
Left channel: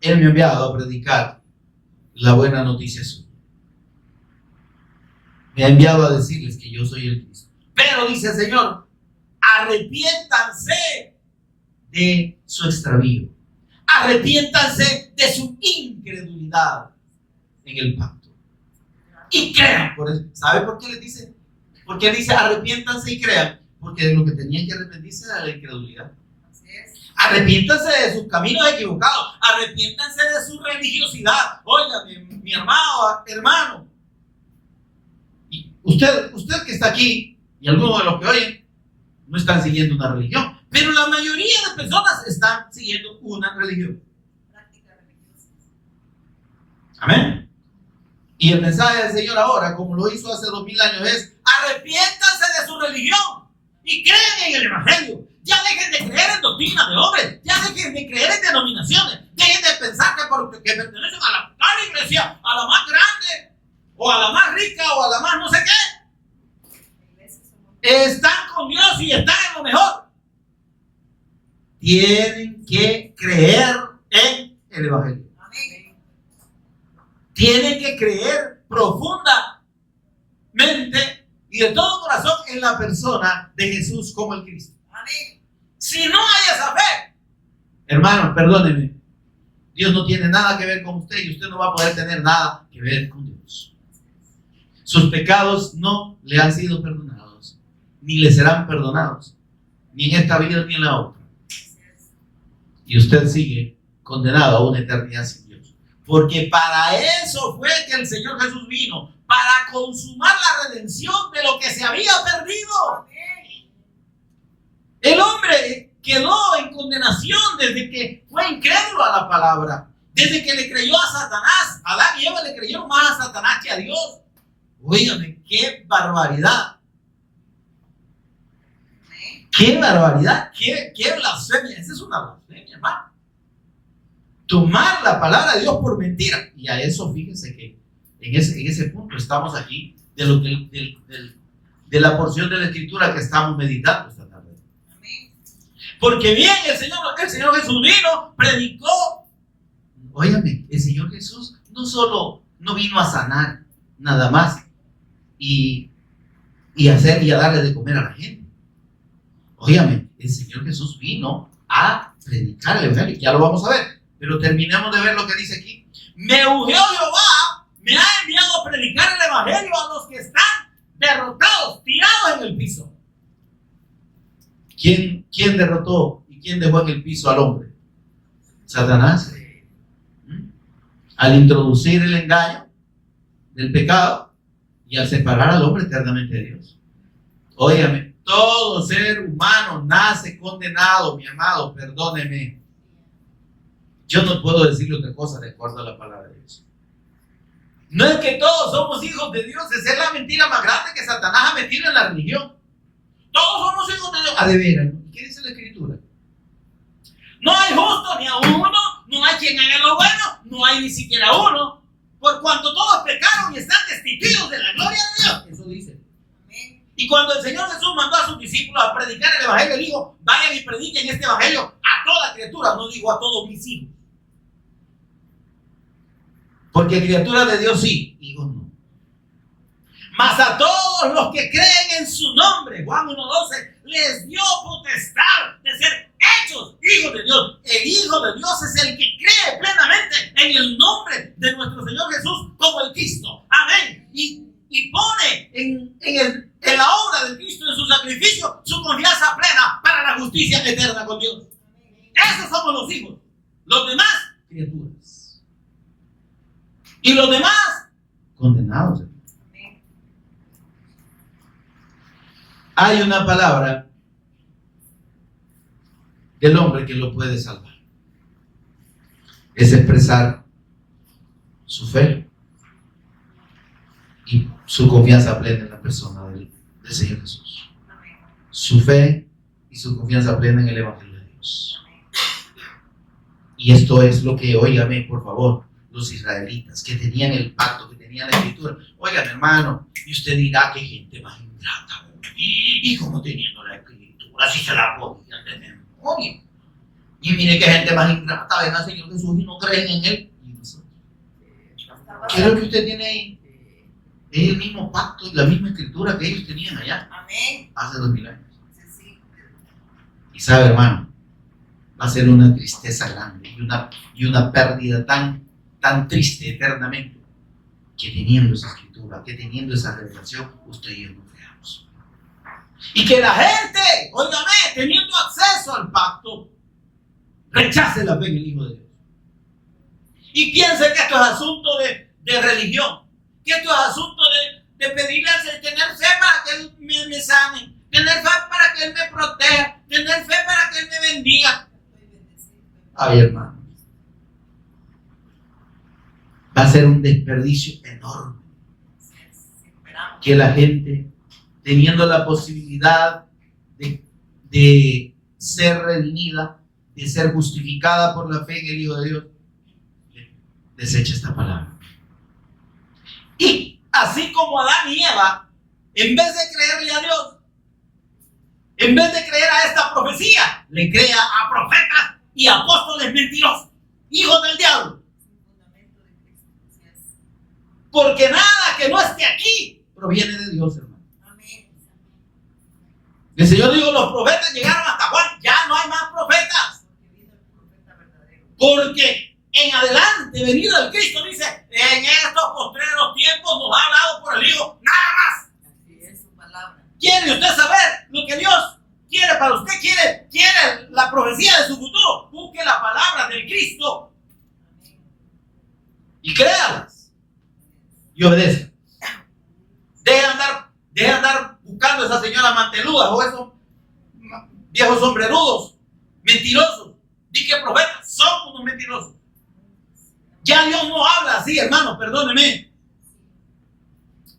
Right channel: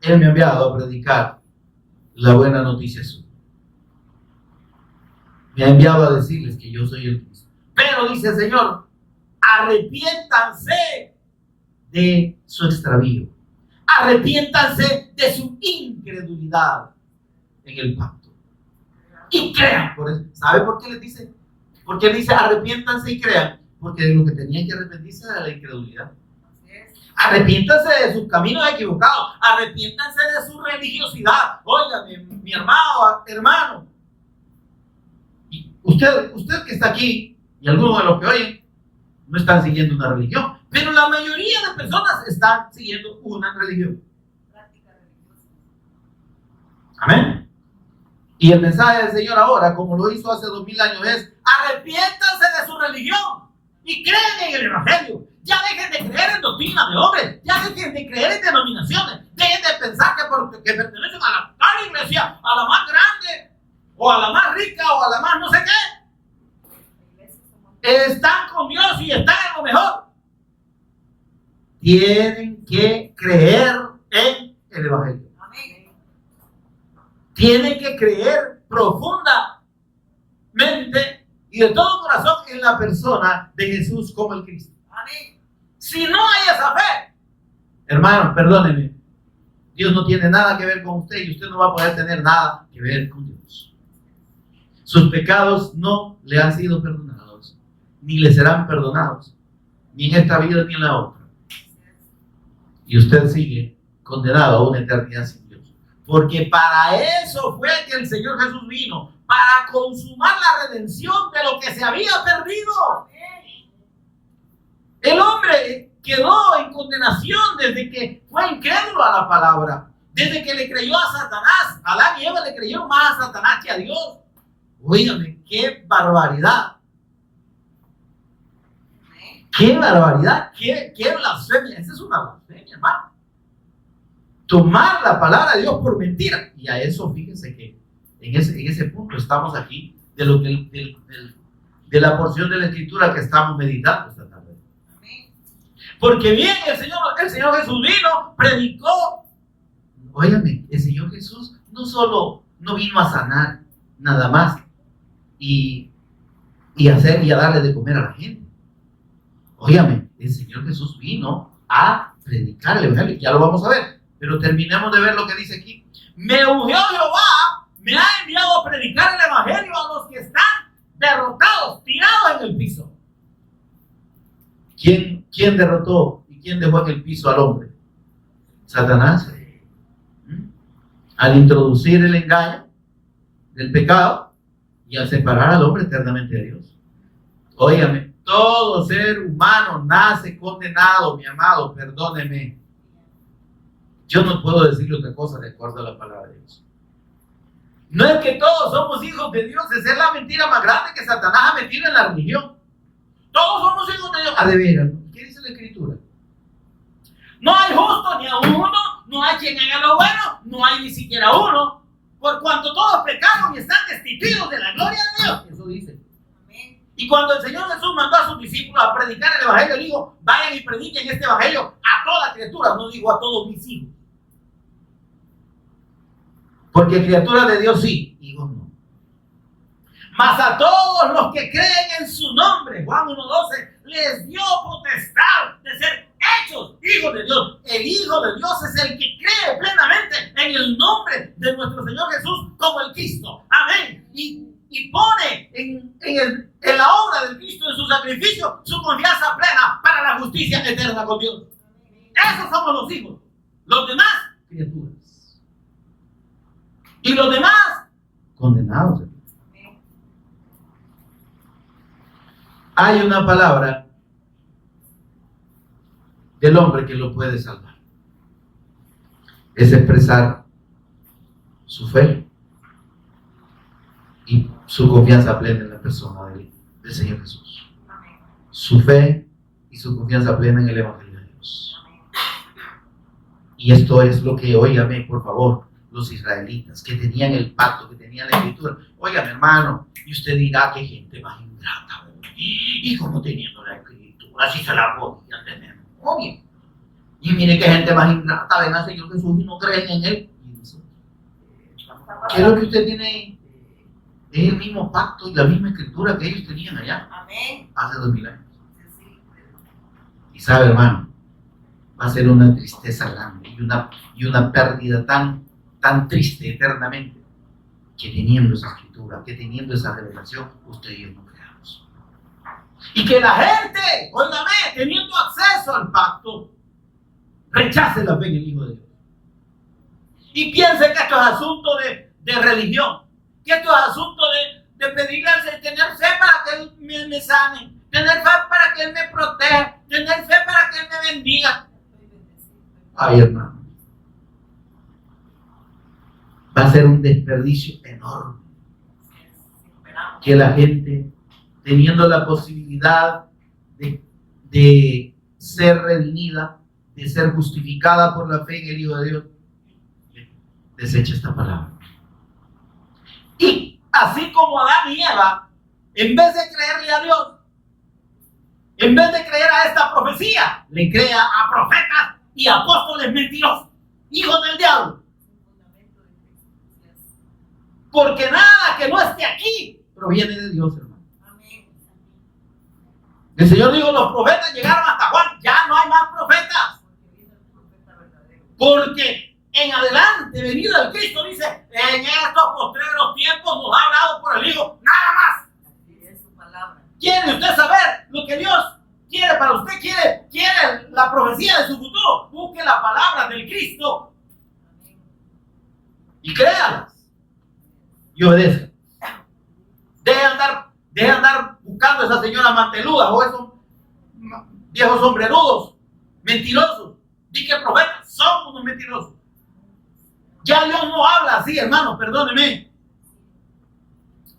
Él me ha enviado a predicar la buena noticia suya. Me ha enviado a decirles que yo soy el Cristo. Pero dice el Señor, arrepiéntanse de su extravío. Arrepiéntanse de su incredulidad en el pacto. Y crean. Por eso, ¿sabe por qué les dice? Porque Él dice arrepiéntanse y crean. Porque de lo que tenían que arrepentirse era la incredulidad. Así es. Arrepiéntanse de sus caminos equivocados. Arrepiéntanse de su religiosidad. Oiga, mi hermano. Y usted que está aquí, y algunos de los que oyen, no están siguiendo una religión. Pero la mayoría de personas están siguiendo una religión. Práctica religiosa. Amén. Y el mensaje del Señor ahora, como lo hizo hace 2000 años, es arrepiéntanse de su religión y creen en el Evangelio. Ya dejen de creer en doctrinas de hombres, ya dejen de creer en denominaciones, dejen de pensar que pertenecen a la iglesia, a la más grande, o a la más rica, o a la más no sé qué. La iglesia somos Están con Dios y están en lo mejor. Tienen que creer en el Evangelio. Amén. Tienen que creer profundamente y de todo corazón en la persona de Jesús como el Cristo. Amén. Si no hay esa fe, hermano, perdóneme, Dios no tiene nada que ver con usted y usted no va a poder tener nada que ver con Dios. Sus pecados no le han sido perdonados, ni le serán perdonados, ni en esta vida ni en la otra. Y usted sigue condenado a una eternidad sin Dios. Porque para eso fue que el Señor Jesús vino, para consumar la redención de lo que se había perdido. Amén. El hombre quedó en condenación desde que fue incrédulo a la palabra, desde que le creyó a Satanás. Adán y Eva le creyeron más a Satanás que a Dios. Óigame, qué barbaridad. Amén. ¡Qué barbaridad! ¡Qué blasfemia! Esa es una blasfemia, hermano. Tomar la palabra de Dios por mentira. Y a eso, fíjense que en ese punto estamos aquí de la porción de la Escritura que estamos meditando esta tarde. Amén. Porque bien, el Señor Jesús vino, predicó. Óigame, el Señor Jesús no vino a sanar nada más y a darle de comer a la gente. Óigame, el Señor Jesús vino a predicar el Evangelio. Ya lo vamos a ver, pero terminemos de ver lo que dice aquí. Me ungió Jehová, me ha enviado a predicar el Evangelio a los que están derrotados, tirados en el piso. ¿Quién derrotó y quién dejó en el piso al hombre? Satanás. Al introducir el engaño del pecado y al separar al hombre eternamente de Dios. Óigame, todo ser humano nace condenado, mi amado, perdóneme. Yo no puedo decirle otra cosa de acuerdo a la palabra de Dios. No es que todos somos hijos de Dios, esa es la mentira más grande que Satanás ha metido en la religión. Todos somos hijos de Dios. A de veras, ¿qué dice la Escritura? No hay justo ni a uno, no hay quien haga lo bueno, no hay ni siquiera uno, por cuanto todos pecaron y están destituidos de la gloria de Dios. Eso dice. Y cuando el Señor Jesús mandó a sus discípulos a predicar el Evangelio, dijo, vayan y prediquen este Evangelio a a toda criatura, no digo a todos mis hijos. Porque criaturas de Dios sí, hijos no. Mas a todos los que creen en su nombre, Juan 1:12, les dio potestad de ser hechos hijos de Dios. El Hijo de Dios es el que cree plenamente en el nombre de nuestro Señor Jesús como el Cristo. Amén. Y pone en la obra del Cristo, en su sacrificio, su confianza plena para la justicia eterna con Dios. Esos somos los hijos. Los demás, criaturas. Y los demás, condenados. Hay una palabra del hombre que lo puede salvar. Es expresar su fe y su confianza plena en la persona del Señor Jesús. Su fe y su confianza plena en el Evangelio de Dios. Y esto es lo que, óigame, por favor, los israelitas que tenían el pacto, que tenían la escritura. Oigan, hermano, y usted dirá que gente más ingrata. Y como teniendo la escritura, si se la podían de memoria. Y mire que gente más ingrata, ven al Señor Jesús y no creen en Él. ¿Qué es lo que usted tiene ahí? Es el mismo pacto y la misma escritura que ellos tenían allá. Amén. Hace 2000 años. Y sabe, hermano, va a ser una tristeza grande y una pérdida tan triste eternamente, que teniendo esa escritura, que teniendo esa revelación, usted y yo no creamos. Y que la gente, óigame, teniendo acceso al pacto, rechace la fe en el Hijo de Dios. Y piense que esto es asunto de religión, que esto es asunto de pedirle al Señor, tener fe para que Él me sane, tener fe para que Él me proteja, tener fe para que Él me bendiga. Ay, hermano, va a ser un desperdicio enorme que la gente, teniendo la posibilidad de ser redimida, de ser justificada por la fe en el Hijo de Dios, desecha esta palabra. Y así como Adán y Eva, en vez de creerle a Dios, en vez de creer a esta profecía, le crea a profetas y apóstoles mentirosos, hijos del diablo. Porque nada que no esté aquí proviene de Dios, hermano. El Señor dijo, los profetas llegaron hasta Juan, ya no hay más profetas. Porque en adelante, venido el Cristo, dice, en estos postreros tiempos nos ha hablado por el Hijo, nada más. ¿Quiere usted saber lo que Dios quiere para usted? ¿Quiere la profecía de su futuro? Busque la palabra del Cristo y créalas y obedezca. Deje de andar buscando a esas señoras manteludas o esos viejos sombrerudos mentirosos. Di que profetas son unos mentirosos. Ya Dios no habla así, hermano, perdóneme.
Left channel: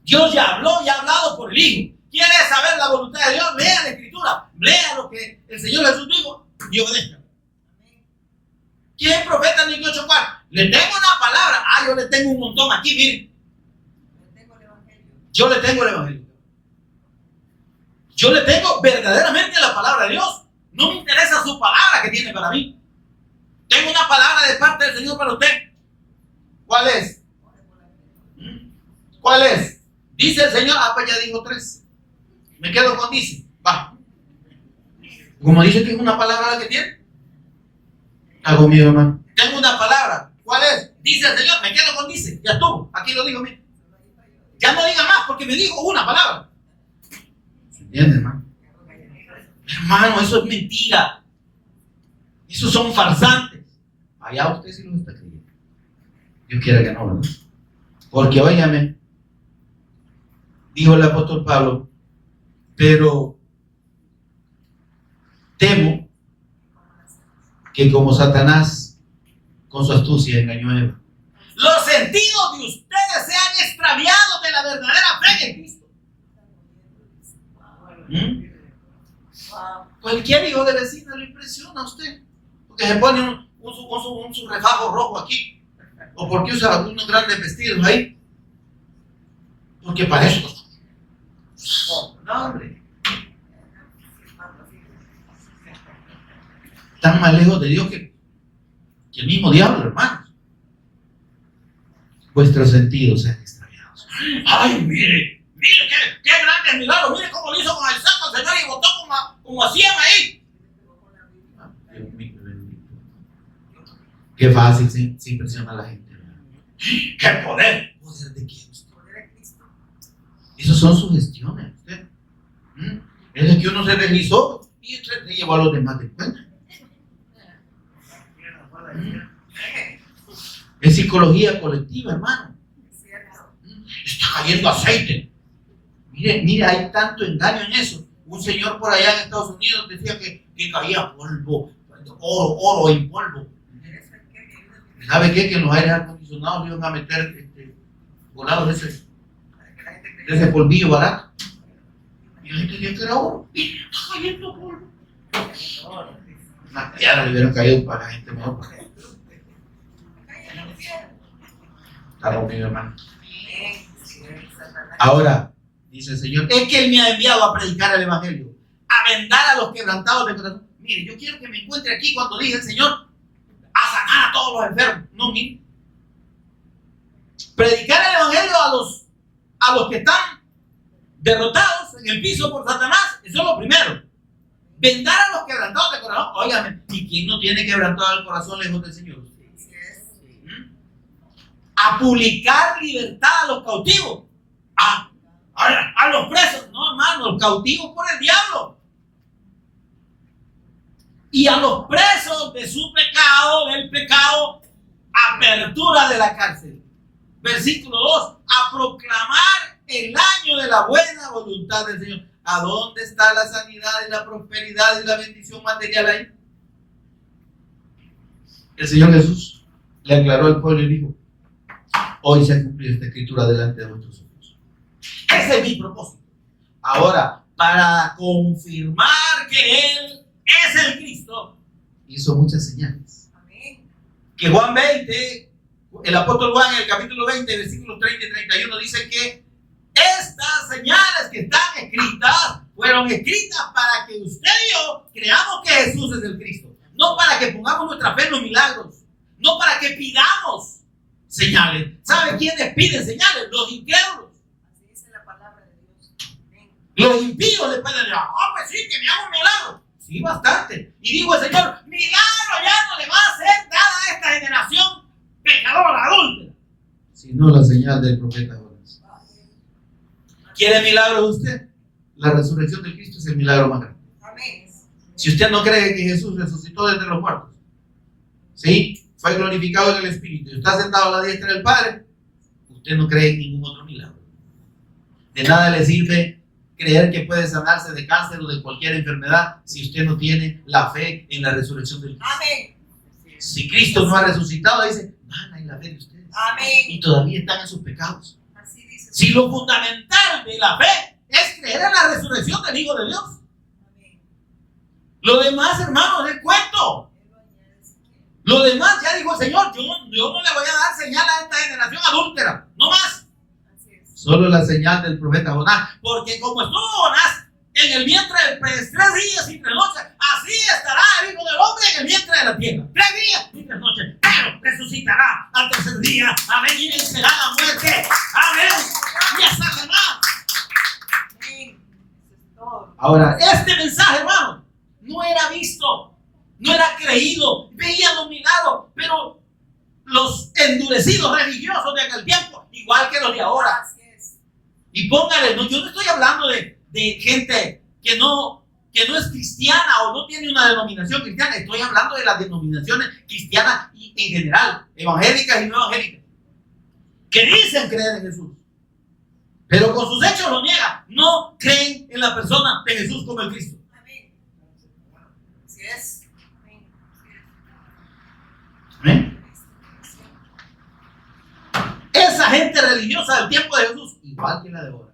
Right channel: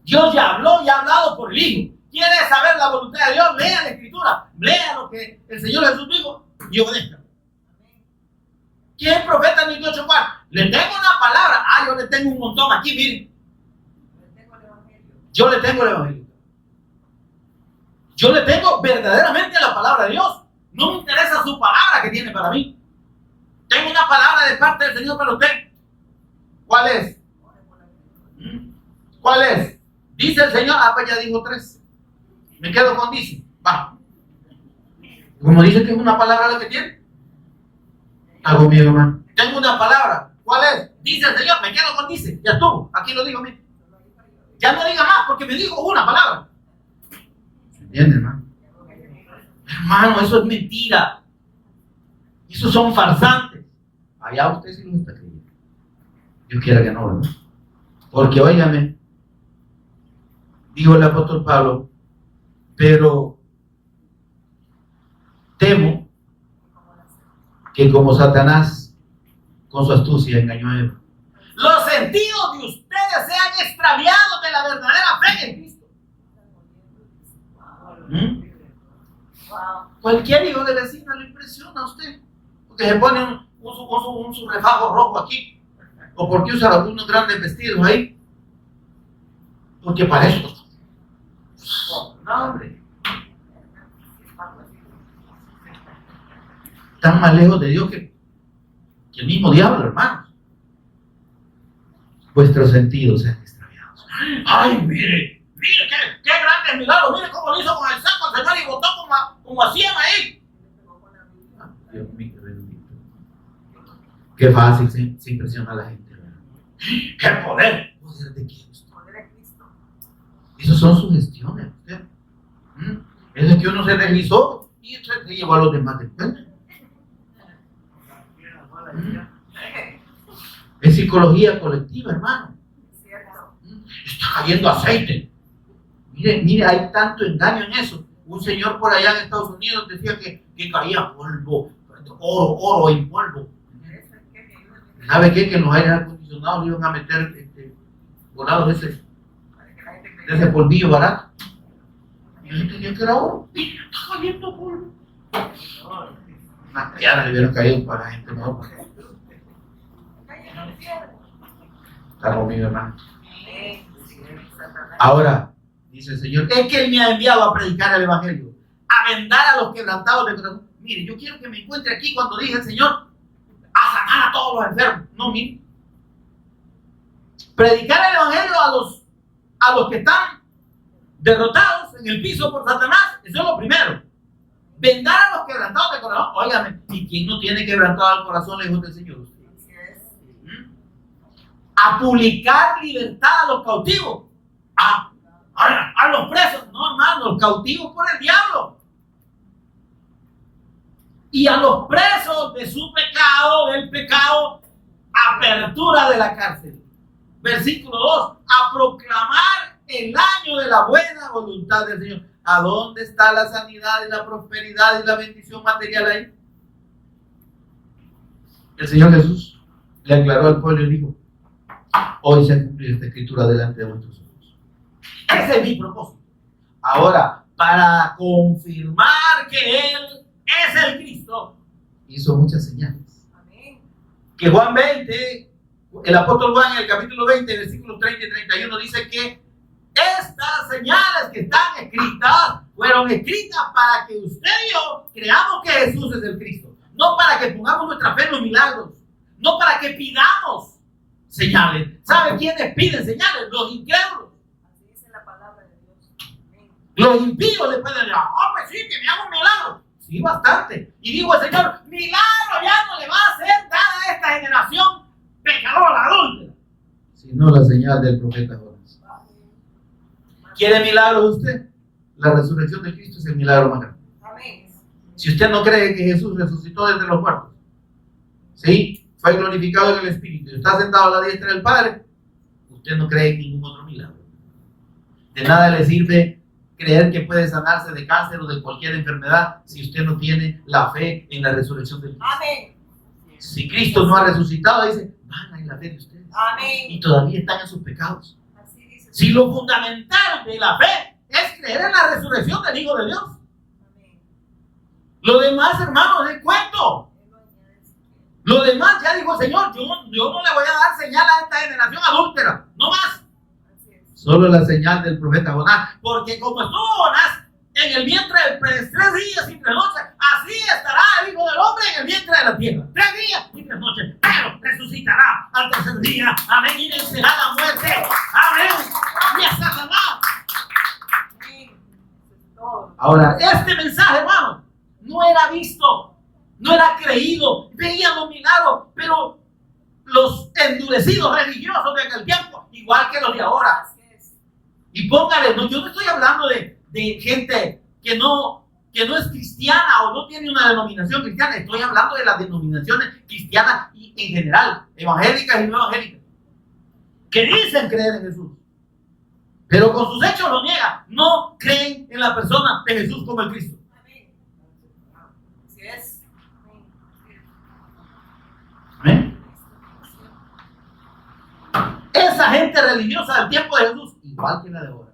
Dios ya habló y ha hablado por el Hijo. ¿Quiere saber la voluntad de Dios? Lea la Escritura, lea lo que el Señor Jesús dijo y obedezca. ¿Quién es profeta ni 8 cuartos? Le tengo una palabra. Yo le tengo un montón aquí, miren. Yo le tengo el Evangelio. Yo le tengo verdaderamente la palabra de Dios. No me interesa su palabra que tiene para mí. Tengo una palabra de parte del Señor para usted. ¿Cuál es? ¿Cuál es? Dice el Señor. Pues ya dijo 3. Me quedo con dice. Va. Como dice que es una palabra la que tiene. Hago mío, hermano. Tengo una palabra. ¿Cuál es? Dice el Señor. Me quedo con dice. Ya estuvo. Aquí lo digo, mire. Ya no diga más porque me dijo una palabra. ¿Se entiende, hermano? Hermano, eso es mentira. Esos son farsantes. Allá usted sí lo está creyendo. Dios quiera que no, ¿verdad? Porque, óigame, dijo el apóstol Pablo, pero temo que como Satanás con su astucia engañó a Eva, los sentidos de ustedes sean extraviados de la verdadera fe en Cristo. Cualquier hijo de vecina le impresiona a usted, porque se pone un refajo rojo aquí, o porque usa algunos grandes vestidos ahí, porque para eso. No, hombre. Están más lejos de Dios que el mismo diablo, hermanos. Vuestros sentidos sean extraviados. Ay, mire qué grande milagro. Mire cómo lo hizo con el saco el Señor y botó como a 100 ahí. Dios mío, bendito. Qué fácil se impresiona a la gente. ¡Qué poder! ¿Poder de quién? Poder de Cristo. Esas son sugestiones. ¿Usted? Es que uno se realizó y se llevó a los demás de cuenta. Es psicología colectiva, hermano. Está cayendo aceite. Mire, hay tanto engaño en eso. Un señor por allá en Estados Unidos decía que caía polvo, oro en polvo. ¿Sabe qué? Que en los aires acondicionados le iban a meter volados de ese polvillo barato. Y la gente decía que era oro. Está cayendo polvo. Unas piedras le hubieran caído para la gente mejor. Está conmigo, hermano. Ahora, dice el Señor, es que Él me ha enviado a predicar el Evangelio, a vendar a los quebrantados de corazón. Mire, yo quiero que me encuentre aquí cuando dije el Señor, a sanar a todos los enfermos. No, mire. Predicar el Evangelio a los que están derrotados en el piso por Satanás, eso es lo primero. Vendar a los quebrantados de corazón. Óigame, ¿y quién no tiene quebrantado el corazón lejos del Señor? A publicar libertad a los cautivos, a los presos, no, hermano, los cautivos por el diablo, y a los presos de su pecado, del pecado, apertura de la cárcel. Versículo 2, a proclamar el año de la buena voluntad del Señor. ¿A dónde está la sanidad y la prosperidad y la bendición material ahí? El Señor Jesús le aclaró al pueblo y dijo, hoy se ha cumplido esta escritura delante de vuestros ojos. Ese es mi propósito. Ahora, para confirmar que Él es el Cristo, hizo muchas señales. Amén. Que Juan 20, el apóstol Juan en el capítulo 20, versículos 30 y 31 dice que estas señales que están escritas fueron escritas para que usted y yo creamos que Jesús es el Cristo. No para que pongamos nuestra fe en los milagros. No para que pidamos señales. ¿Sabe quiénes piden señales? Los incrédulos. Así dice la palabra de Dios. Amén. Los impíos le pueden decir, pues sí, que me haga un milagro. Sí, bastante. Y digo el Señor, milagro ya no le va a ser dada a esta generación pecadora, adúltera. Sino la señal del profeta Jonás. ¿Quiere milagro usted? La resurrección de Cristo es el milagro más grande. Amén. Si usted no cree que Jesús resucitó de entre los muertos, ¿sí? Fue glorificado en el Espíritu y está sentado a la diestra del Padre, usted no cree en ningún otro milagro. De nada le sirve creer que puede sanarse de cáncer o de cualquier enfermedad si usted no tiene la fe en la resurrección del Cristo. Amén. Si Cristo no ha resucitado, dice, van en la fe de ustedes. Amén. Y todavía están en sus pecados. Así dice. Si lo fundamental de la fe es creer en la resurrección del Hijo de Dios, Amén. lo demás, hermanos, es cuento. Lo demás, ya dijo el Señor, yo no le voy a dar señal a esta generación adúltera, no más. Así es. Solo la señal del profeta Jonás, porque como estuvo Jonás en el vientre del pez 3 días y 3 noches, así estará el Hijo del Hombre en el vientre de la tierra. 3 días y 3 noches, pero resucitará al tercer día. Amén, y vencerá la muerte. Amén, y a Satanás. Amén. Eso es todo. Ahora, este mensaje, hermano, no era visto, no era creído, veían los milagros, pero los endurecidos religiosos de aquel tiempo, igual que los de ahora. Así es. Y póngale, yo no estoy hablando de gente que no es cristiana o no tiene una denominación cristiana, estoy hablando de las denominaciones cristianas y en general, evangélicas y no evangélicas, que dicen creer en Jesús, pero con sus hechos lo niegan, no creen en la persona de Jesús como el Cristo. Amén. Así es. ¿Amén? Esa gente religiosa del tiempo de Jesús, igual que la de ahora,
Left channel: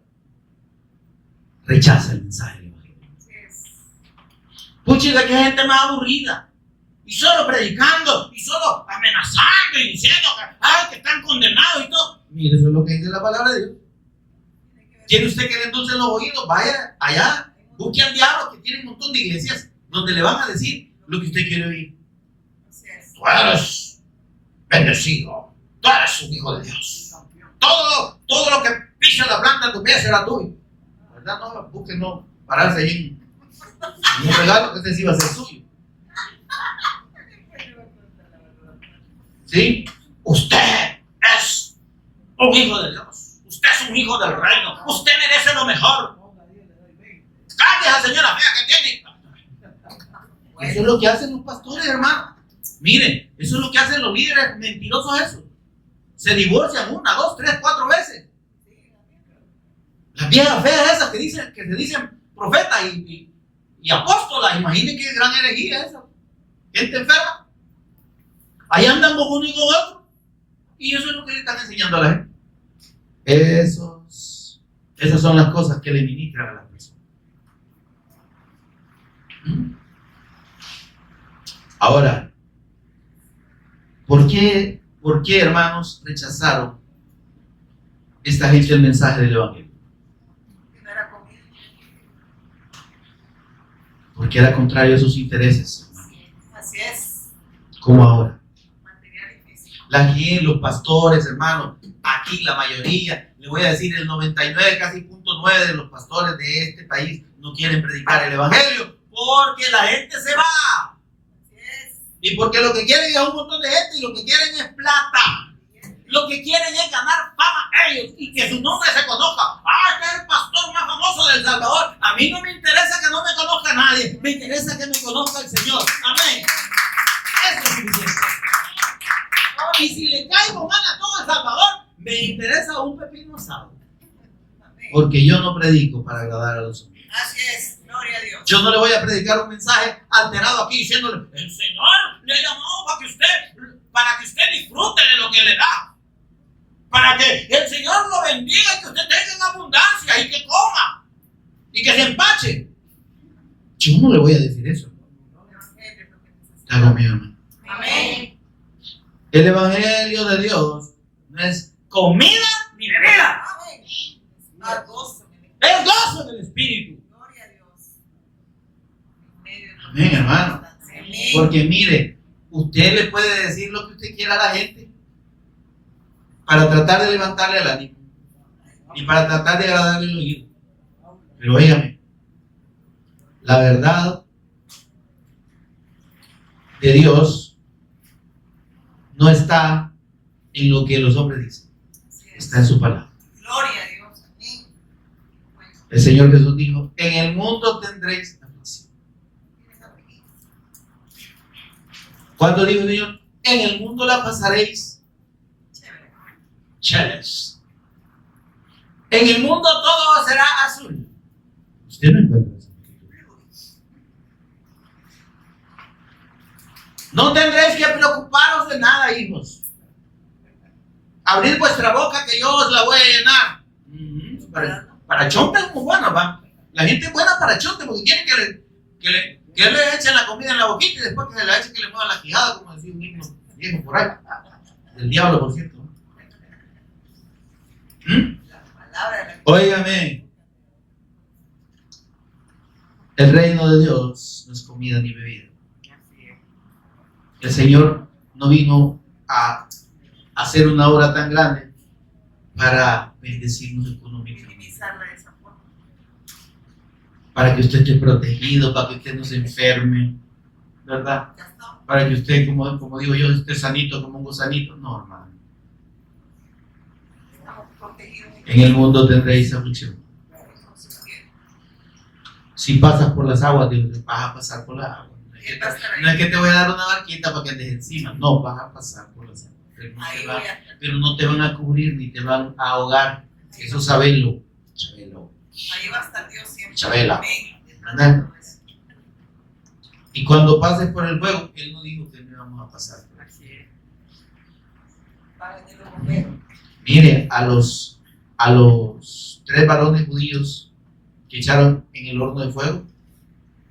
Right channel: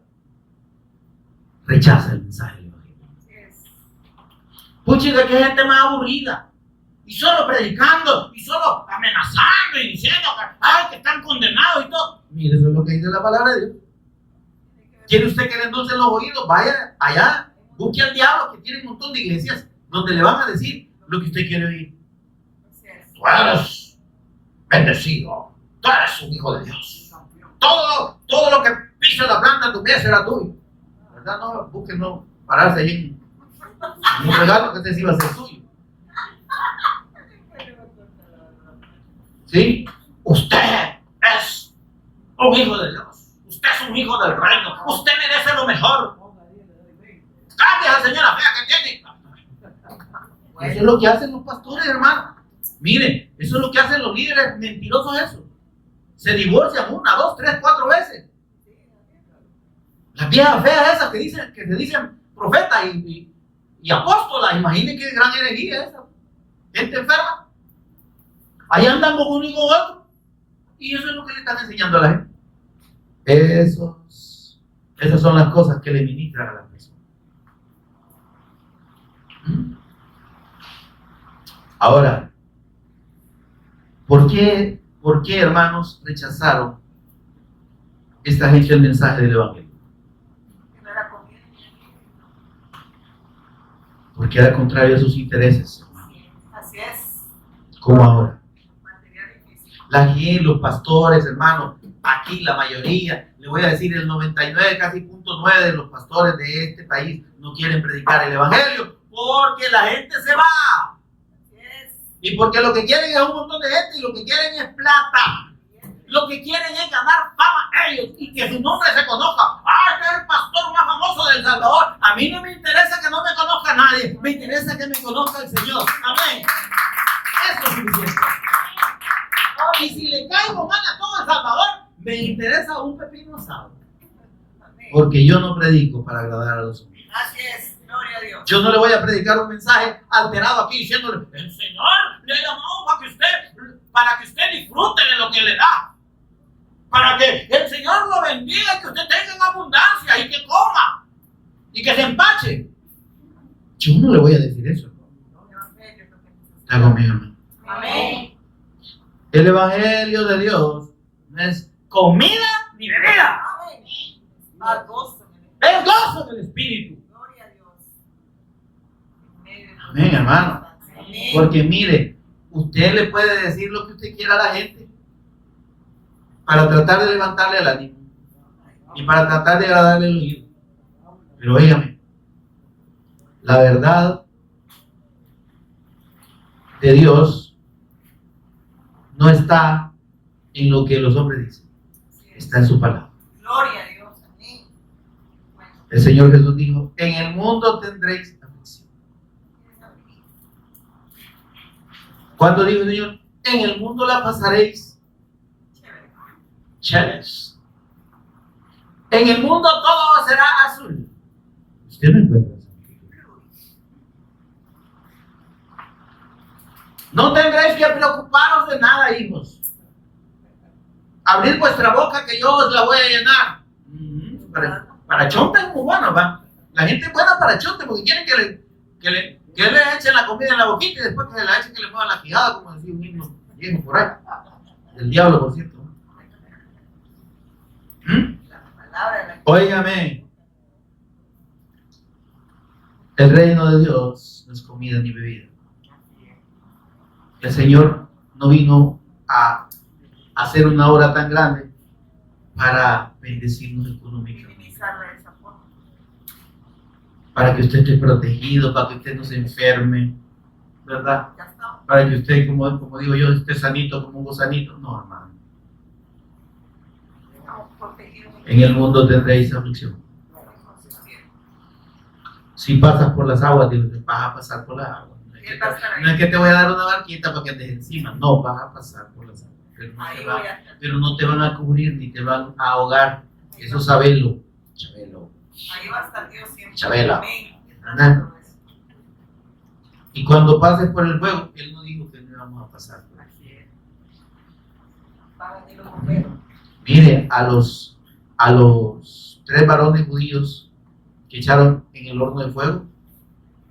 rechaza el mensaje del Evangelio. Así es. Puchica, que gente más aburrida. Y solo predicando, y solo amenazando y diciendo que están condenados y todo. Mire, eso es lo que dice la palabra de Dios. ¿Quiere usted que le endulcen los oídos? Vaya allá, busque al diablo, que tiene un montón de iglesias donde le van a decir lo que usted quiere oír. Así es. Tú eres bendecido. Tú eres un hijo de Dios. Todo lo que pisa la planta de tu pie será tuyo. ¿Verdad? No, busquen no pararse ahí en un regalo que este sí va a ser suyo. ¿Sí? Usted es un hijo de Dios. Usted es un hijo del reino. Usted merece lo mejor. Cambie a esa señora fea que tiene. Eso es lo que hacen los pastores, hermano. Miren, eso es lo que hacen los líderes mentirosos, eso. Se divorcian 1, 2, 3, 4 veces. Las viejas feas esas que se dicen profetas y apóstolas. Imaginen qué gran herejía esa. Gente enferma. Ahí andan con uno y con otro. Y eso es lo que le están enseñando a la gente. Esas son las cosas que le ministran a la persona. Ahora, ¿por qué, hermanos, rechazaron esta gente el mensaje del Evangelio? No era comida. Porque era contrario a sus intereses, hermano. Así es. Como ahora. Material y físico. La gente, los pastores, hermano, aquí la mayoría, le voy a decir el 99, casi 0.9 de los pastores de este país no quieren predicar el Evangelio porque la gente se va. Así es. Y porque lo que quieren es un montón de gente y lo que quieren es plata. Lo que quieren es ganar fama ellos y que su nombre se conozca. Este es el pastor más famoso de El Salvador. A mí no me interesa que no me conozca nadie. Me interesa que me conozca el Señor. Amén. Eso es suficiente. Y si le caigo mal a todo El Salvador, me interesa un pepino asado. Amén. Porque yo no predico para agradar a los hombres. Así es. Gloria a Dios. Yo no le voy a predicar un mensaje alterado aquí diciéndole, el Señor le llamó para que usted disfrute de lo que le da. Para que el Señor lo bendiga y que usted tenga en abundancia y que coma y que se empache. Yo no le voy a decir eso. Está conmigo, hermano. Amén. El Evangelio de Dios no es comida ni bebida. Amén. Más gozo. Es gozo del Espíritu. Gloria a Dios. En medio de Amén, hermano. Amén. Porque mire, usted le puede decir lo que usted quiera a la gente para tratar de levantarle el ánimo y para tratar de agradarle el oído. Pero óigame, la verdad de Dios no está en lo que los hombres dicen, está en su palabra. Gloria a Dios. Amén. Bueno, El Señor Jesús dijo, en el mundo tendréis aflicción. ¿Cuándo dijo el Señor? En el mundo la pasaréis chévere. chéveres. En el mundo todo será azul. Usted no encuentra eso. No tendréis que preocuparos de nada, hijos. Abrid vuestra boca que yo os la voy a llenar. Para chonte es muy bueno, va. La gente es buena para chonte porque quieren que le echen la comida en la boquita y después que se la echen que le muevan la quijada, como decía un himno viejo por ahí. Del diablo, por cierto. La palabra de la Óigame. El reino de Dios no es comida ni bebida. El Señor no vino a hacer una obra tan grande para bendecirnos económicamente. minimizarla de esa forma. Para que usted esté protegido, para que usted no se enferme, ¿verdad? Ya estamos. Para que usted, como digo yo, esté sanito como un gusanito. No, hermano. Estamos protegidos. En el mundo tendréis aflicción. Si pasas por las aguas, Dios, te vas a pasar por las aguas. No es que te voy a dar una barquita para que andes encima. No, vas a pasar por las aguas. Pero no te van a cubrir ni te van a ahogar. Eso sabelo. Chabelo. Ahí va a estar Dios siempre. Chabela. Amén. ¿Verdad? Y cuando pases por el fuego, Él no dijo que no íbamos a pasar por el fuego. Va a venir los bomberos. Mire, a los 3 varones judíos que echaron en el horno de fuego,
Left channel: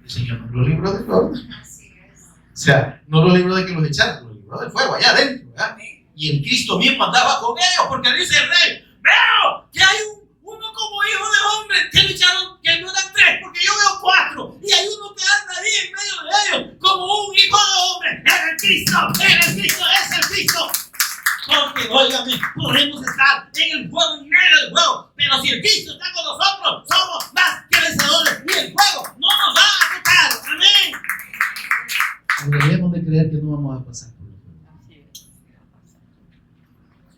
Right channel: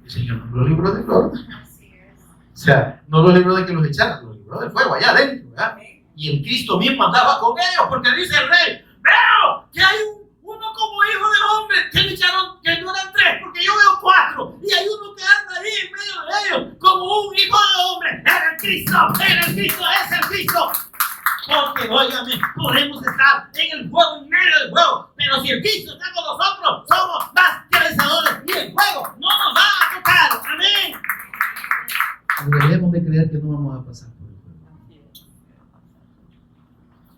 el Señor no los libró del horno. Así es. O sea, no los libró de que los echaran, los libró del fuego allá adentro, ¿verdad? Amén. Y el Cristo mismo andaba con ellos, porque dice el rey, veo que hay uno como hijo de hombre, que lo echaron, que no eran 3, porque yo veo 4, y hay uno que anda ahí en medio de ellos, como un hijo de hombre. Era el Cristo, es el Cristo. Porque, óigame, podemos estar en el fuego, en medio del fuego, pero si el Cristo está con nosotros, somos más que vencedores, y el fuego no nos va a tocar. Amén. Deberíamos de creer que no vamos a pasar por el fuego.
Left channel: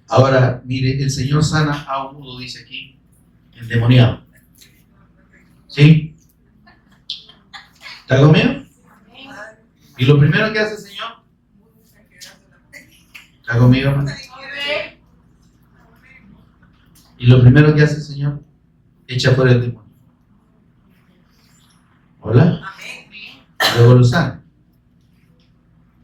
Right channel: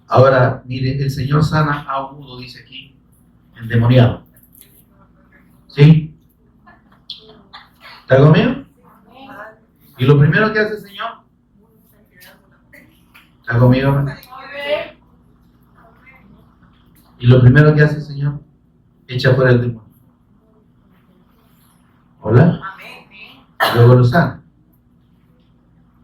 Ahora, mire, el Señor sana a un mudo, dice aquí, endemoniado. ¿Sí? ¿Está conmigo? Y lo primero que hace el Señor, ¿está conmigo, hermano? Y lo primero que hace el Señor, echa fuera el demonio. ¿Hola? Luego lo sana.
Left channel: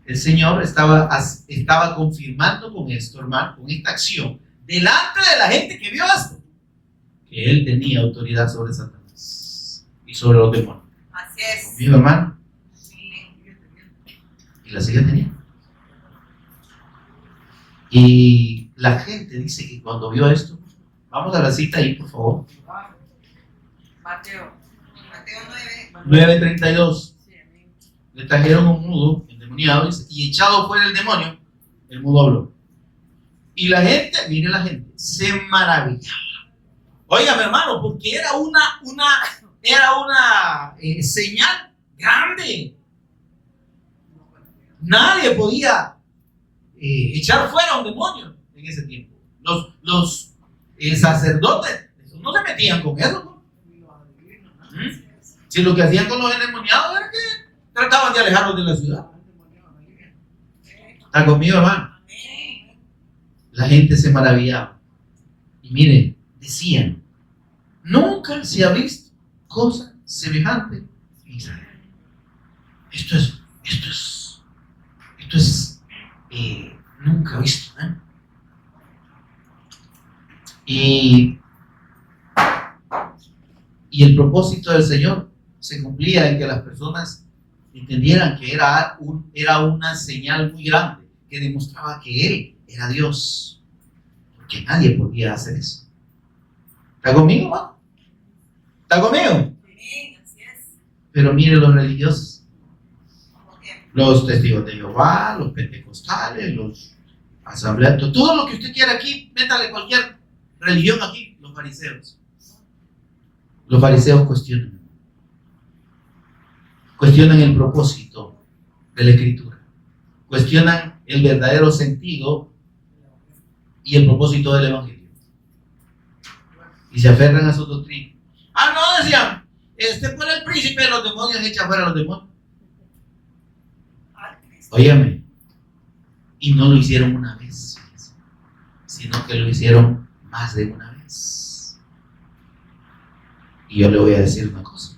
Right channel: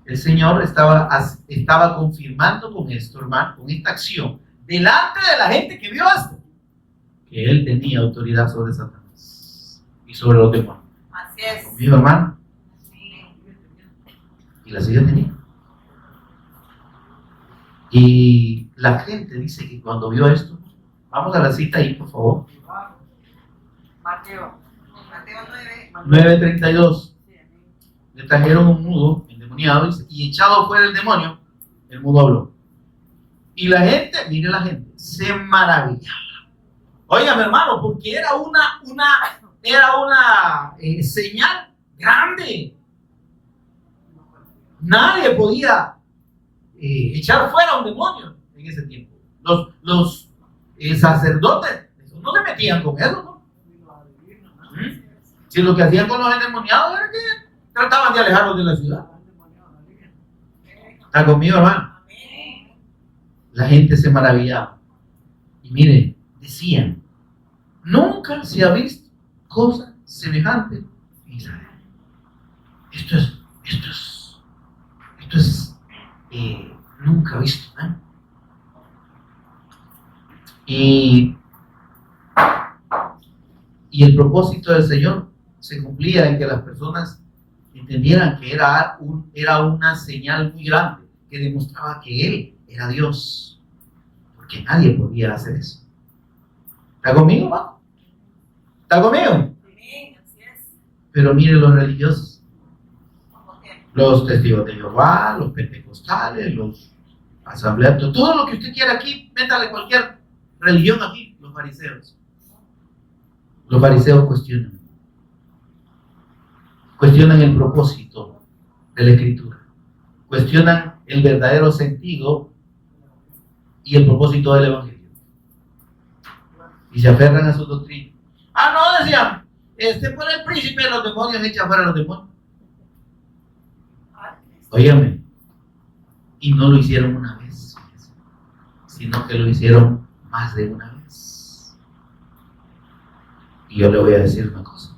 El Señor estaba confirmando con esto, hermano, con esta acción, delante de la gente que vio esto, que Él tenía autoridad sobre Satanás y sobre los demonios. Así es. ¿Conmigo, hermano? Y la sigue teniendo. Y la gente dice que cuando vio esto, vamos a la cita ahí, por favor. Mateo 9. 9:32. Le trajeron un mudo endemoniado y echado fuera el demonio, el mudo habló. Y la gente, mire la gente, se maravillaba. Oiga, mi hermano, porque era una señal grande. Nadie podía echar fuera un demonio en ese tiempo. Los sacerdotes no se metían con eso, ¿no? Si lo que hacían con los endemoniados era que trataban de alejarlos de la ciudad. ¿Está conmigo, hermano? La gente se maravillaba. Y miren, decían, nunca se ha visto cosa semejante en Israel. Esto es nunca visto, ¿eh? Y el propósito del Señor se cumplía en que las personas entendieran que era una señal muy grande que demostraba que Él era Dios, porque nadie podía hacer eso. ¿Está conmigo, hermano? ¿Está conmigo? Sí, así es. Pero mire los religiosos, los testigos de Jehová, los pentecostales, los asambleas, todo lo que usted quiera aquí, métale cualquier religión aquí, los fariseos. Los fariseos cuestionan el propósito de la Escritura, cuestionan el verdadero sentido y el propósito del Evangelio, y se aferran a su doctrina. No, decían, por el príncipe de los demonios echa fuera a los demonios. Óyame, y no lo hicieron una vez, sino que lo hicieron más de una vez. Y yo le voy a decir una cosa.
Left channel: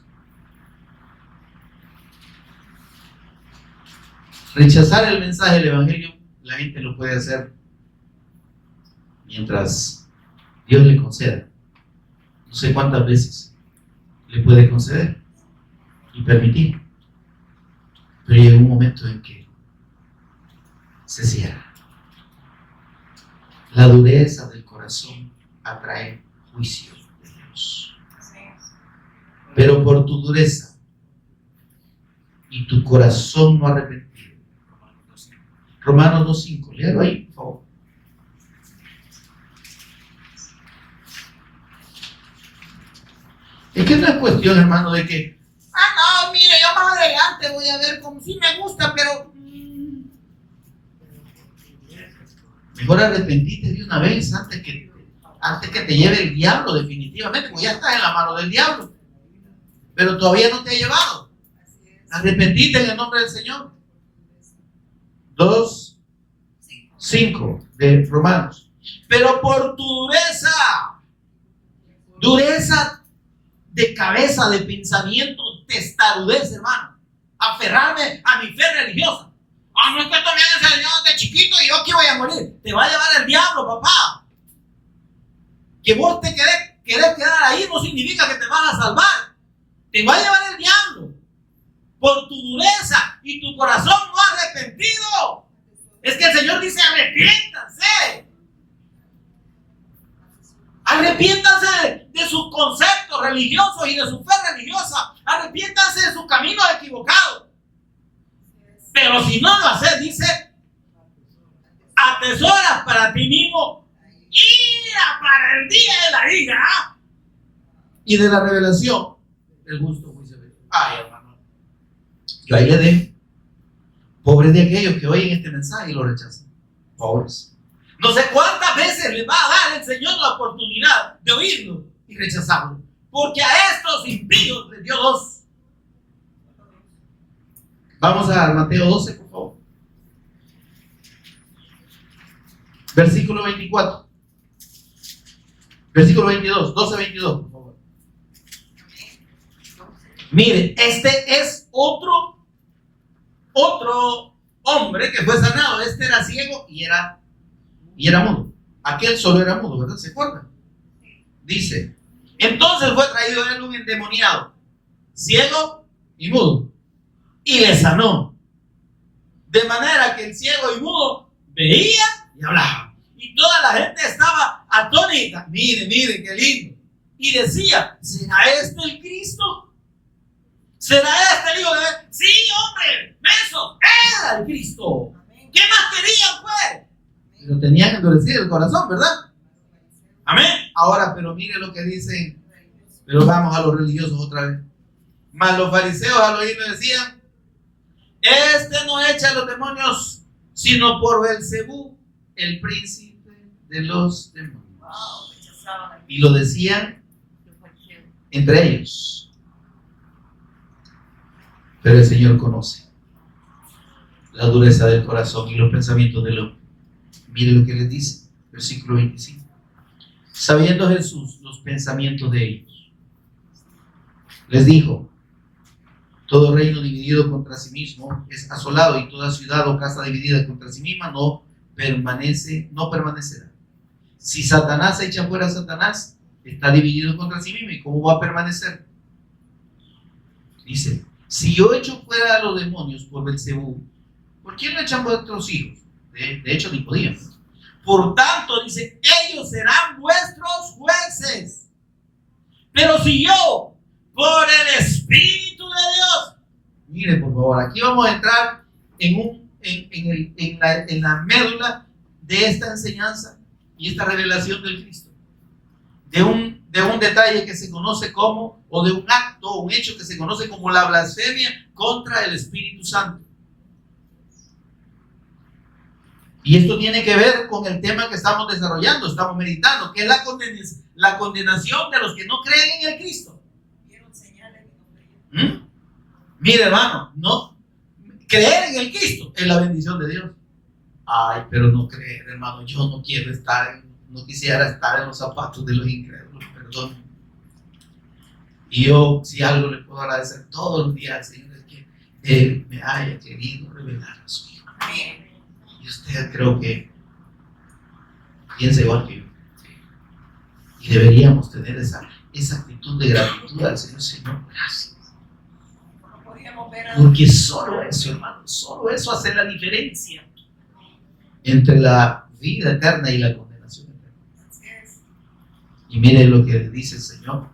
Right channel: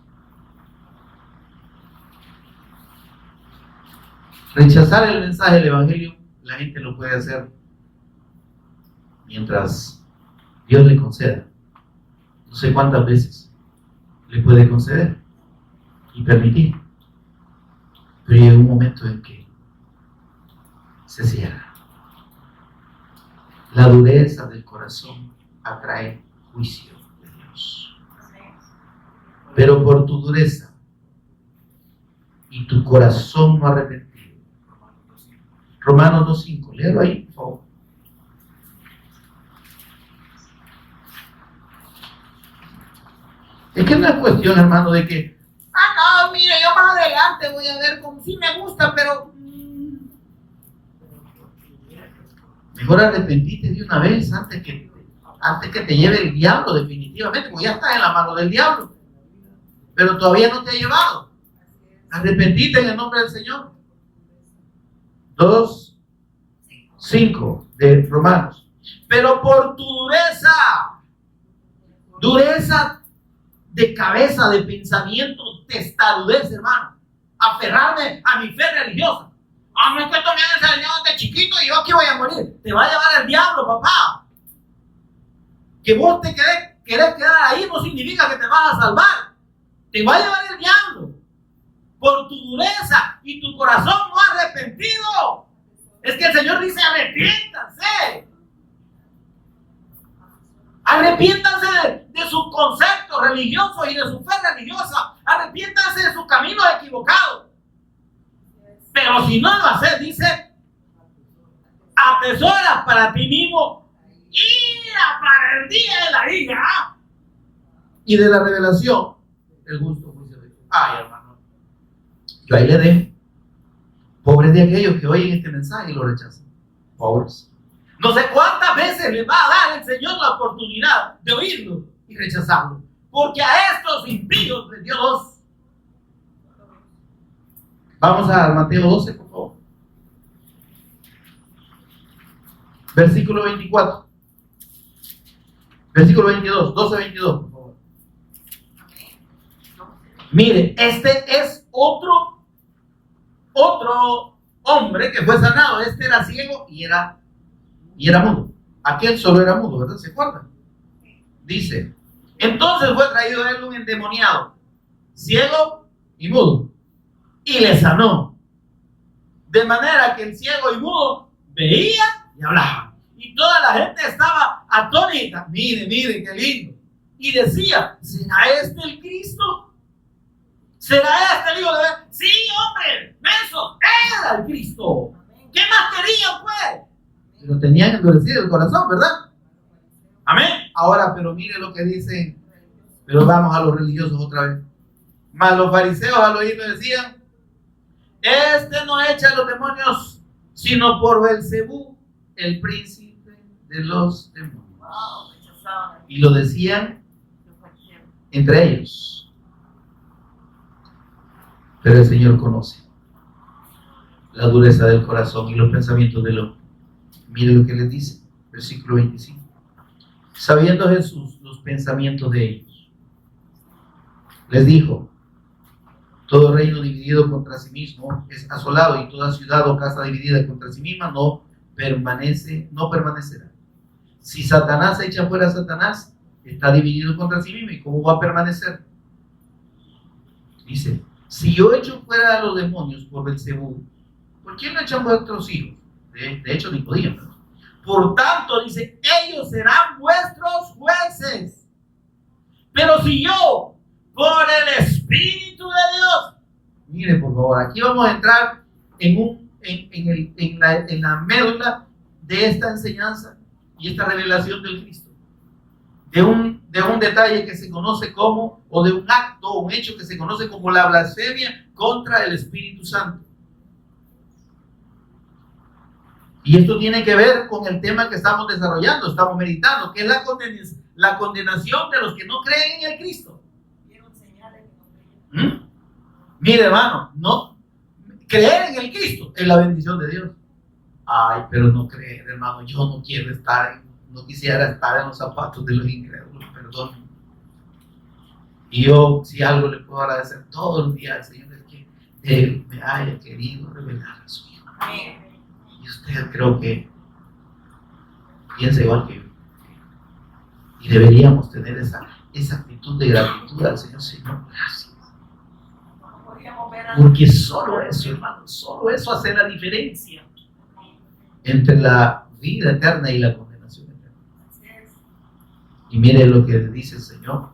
Rechazar el mensaje del Evangelio, la gente lo puede hacer mientras Dios le conceda. No sé cuántas veces le puede conceder y permitir. Pero llega un momento en que se cierra. La dureza del corazón atrae juicio de Dios. Pero por tu dureza y tu corazón no arrepentido. Romanos 2:5. Léelo ahí, por favor. Es que no es cuestión, hermano, de que no, mire, yo más adelante voy a ver como si me gusta, pero mejor arrepentite de una vez antes que te lleve el diablo, definitivamente, porque ya estás en la mano del diablo, pero todavía no te ha llevado. Arrepentite en el nombre del Señor. 2:5 de Romanos. Pero por tu dureza de cabeza, de pensamiento, testarudez, hermano, aferrarme a mi fe religiosa. No es que esto me han enseñado desde chiquito y yo aquí voy a morir. Te va a llevar el diablo, papá. Que vos te querés quedar ahí no significa que te vas a salvar. Te va a llevar el diablo por tu dureza y tu corazón no arrepentido. Es que el Señor dice: arrepiéntanse. Arrepiéntanse de sus sus conceptos religiosos y de su fe religiosa. Arrepiéntanse de sus caminos equivocados. Pero si no lo haces, dice, atesoras para ti mismo ira para el día de la ira y de la revelación el justo juicio de Dios. Ay, hermano, yo ahí le dejo. Pobres de aquellos que oyen este mensaje y lo rechazan. Pobres. No sé cuántas veces les va a dar el Señor la oportunidad de oírlo y rechazarlo. Porque a estos impíos les dio dos. Vamos a Mateo 12, por favor. Versículo 24. Versículo 22. 12-22, por favor. Mire, este es otro hombre que fue sanado. Este era ciego y era mudo. Aquel solo era mudo, ¿verdad? ¿Se acuerdan? Dice, entonces fue traído a él un endemoniado, ciego y mudo, y le sanó. De manera que el ciego y mudo veía y hablaba. Y toda la gente estaba atónita. Mire, qué lindo. Y decía, ¿será este el Cristo? ¿Será este el Hijo de Dios? Sí, hombre, eso era el Cristo. ¿Qué más querían, pues? Y lo tenían que endurecido el corazón, ¿verdad? Amén. Ahora, pero mire lo que dicen. Pero vamos a los religiosos otra vez. Mas los fariseos al oírlo decían, este no echa a los demonios, sino por Beelzebú, el príncipe de los demonios. Y lo decían entre ellos. Pero el Señor conoce la dureza del corazón y los pensamientos del hombre. Mire lo que les dice, versículo 25. Sabiendo Jesús los pensamientos de ellos, les dijo, todo reino dividido contra sí mismo es asolado, y toda ciudad o casa dividida contra sí misma no permanecerá. Si Satanás echa fuera a Satanás, está dividido contra sí mismo, ¿y cómo va a permanecer? Dice, si yo echo fuera a los demonios por Beelzebú, ¿por quién no echan vuestros hijos? De hecho, ni podían. Por tanto, dice, ellos serán vuestros jueces. Pero si yo, por el Espíritu de Dios, mire, por favor, aquí vamos a entrar en la médula de esta enseñanza y esta revelación del Cristo. De un detalle que se conoce como, o de un acto, un hecho que se conoce como la blasfemia contra el Espíritu Santo. Y esto tiene que ver con el tema que estamos desarrollando, estamos meditando, que es la condenación de los que no creen en el Cristo. Mire, hermano, no creer en el Cristo es la bendición de Dios. Ay, pero no creer, hermano, yo no quisiera estar en los zapatos de los incrédulos, perdón. Y yo, si algo le puedo agradecer todos los días al Señor, es que Él me haya querido revelar a su Hijo. Y usted creo que piensa igual que yo. Y deberíamos tener esa actitud de gratitud al Señor. Señor, gracias. Porque solo eso, hermano, solo eso hace la diferencia entre la vida eterna y la condenación eterna. Y mire lo que dice el Señor.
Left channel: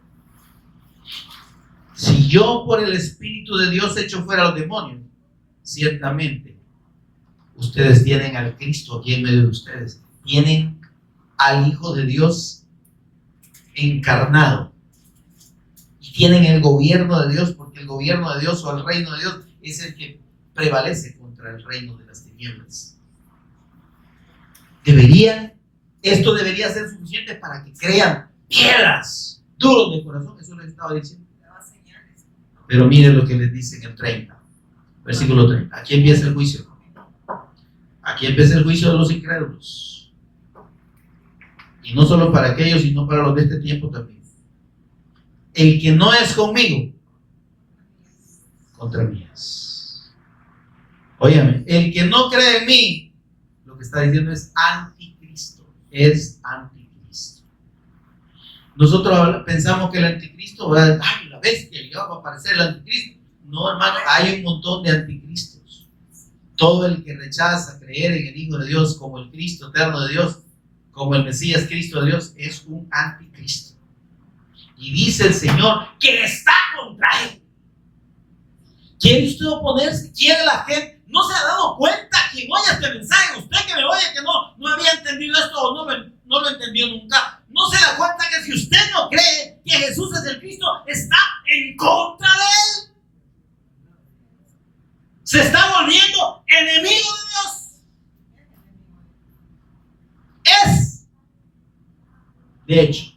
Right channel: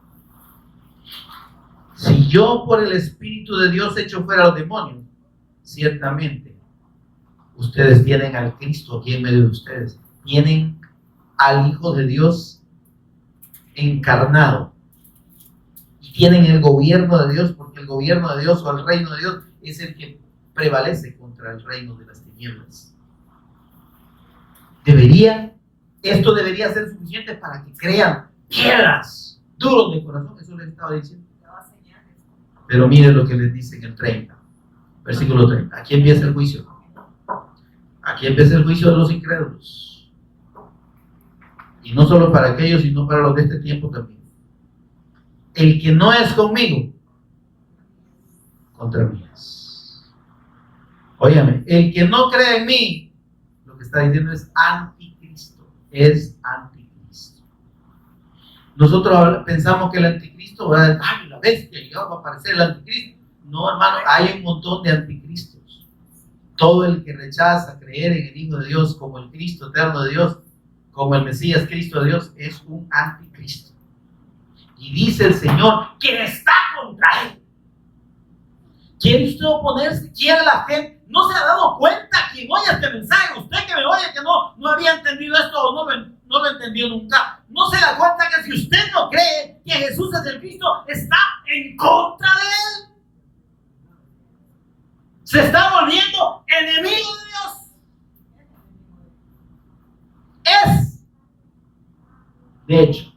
Si yo por el Espíritu de Dios echo fuera a los demonios, ciertamente ustedes tienen al Cristo aquí en medio de ustedes. Tienen al Hijo de Dios encarnado. Y tienen el gobierno de Dios, porque el gobierno de Dios o el reino de Dios es el que prevalece contra el reino de las tinieblas. Esto debería ser suficiente para que crean piedras duros de corazón. Eso les estaba diciendo. Pero miren lo que les dice en el 30, versículo 30. Aquí empieza el juicio. Aquí empieza el juicio de los incrédulos. Y no solo para aquellos, sino para los de este tiempo también. El que no es conmigo, contra mí es. Óyame, el que no cree en mí, lo que está diciendo es anticristo. Es anticristo. Nosotros pensamos que el anticristo va a decir, ay, la bestia, y va a aparecer el anticristo. No, hermano, hay un montón de anticristos. Todo el que rechaza creer en el Hijo de Dios como el Cristo eterno de Dios, como el Mesías Cristo de Dios, es un anticristo. Y dice el Señor que está contra él. ¿Quiere usted oponerse? ¿Quiere la gente? ¿No se ha dado cuenta quien oye este mensaje? Usted que me oye que no había entendido esto o no lo entendió nunca. ¿No se da cuenta que si usted no cree que Jesús es el Cristo, está en contra de él? Se está volviendo enemigo de Dios. Es, de hecho,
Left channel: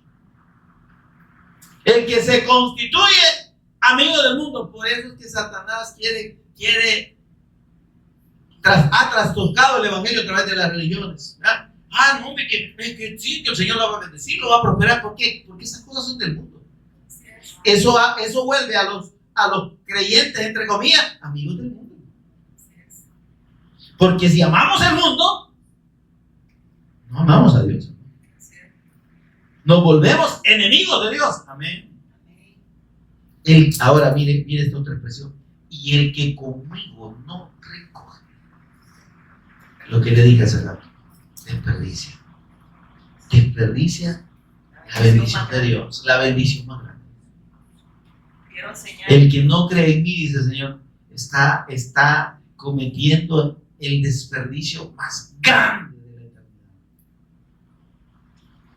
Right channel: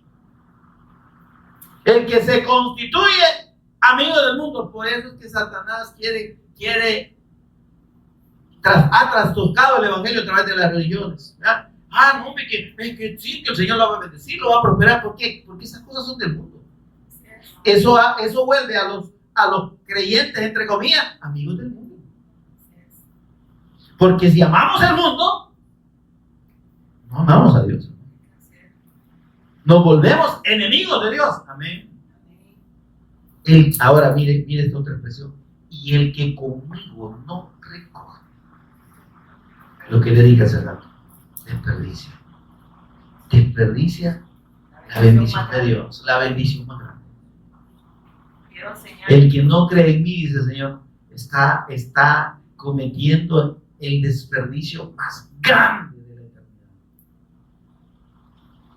el que se constituye amigo del mundo. Por eso es que Satanás ha trastocado el evangelio a través de las religiones. ¿Ya? No, hombre, que sí, que el Señor lo va a bendecir, lo va a prosperar. ¿Por qué? Porque esas cosas son del mundo. Eso vuelve a los creyentes, entre comillas, amigos del mundo. Porque si amamos el mundo, no amamos a Dios. Nos volvemos enemigos de Dios. Amén. Ahora mire esta otra expresión. Y el que conmigo no recoge lo que le dije hace rato, desperdicia la bendición de Dios, la bendición más grande. El que no cree en mí, dice el Señor, está cometiendo el desperdicio más grande de la eternidad.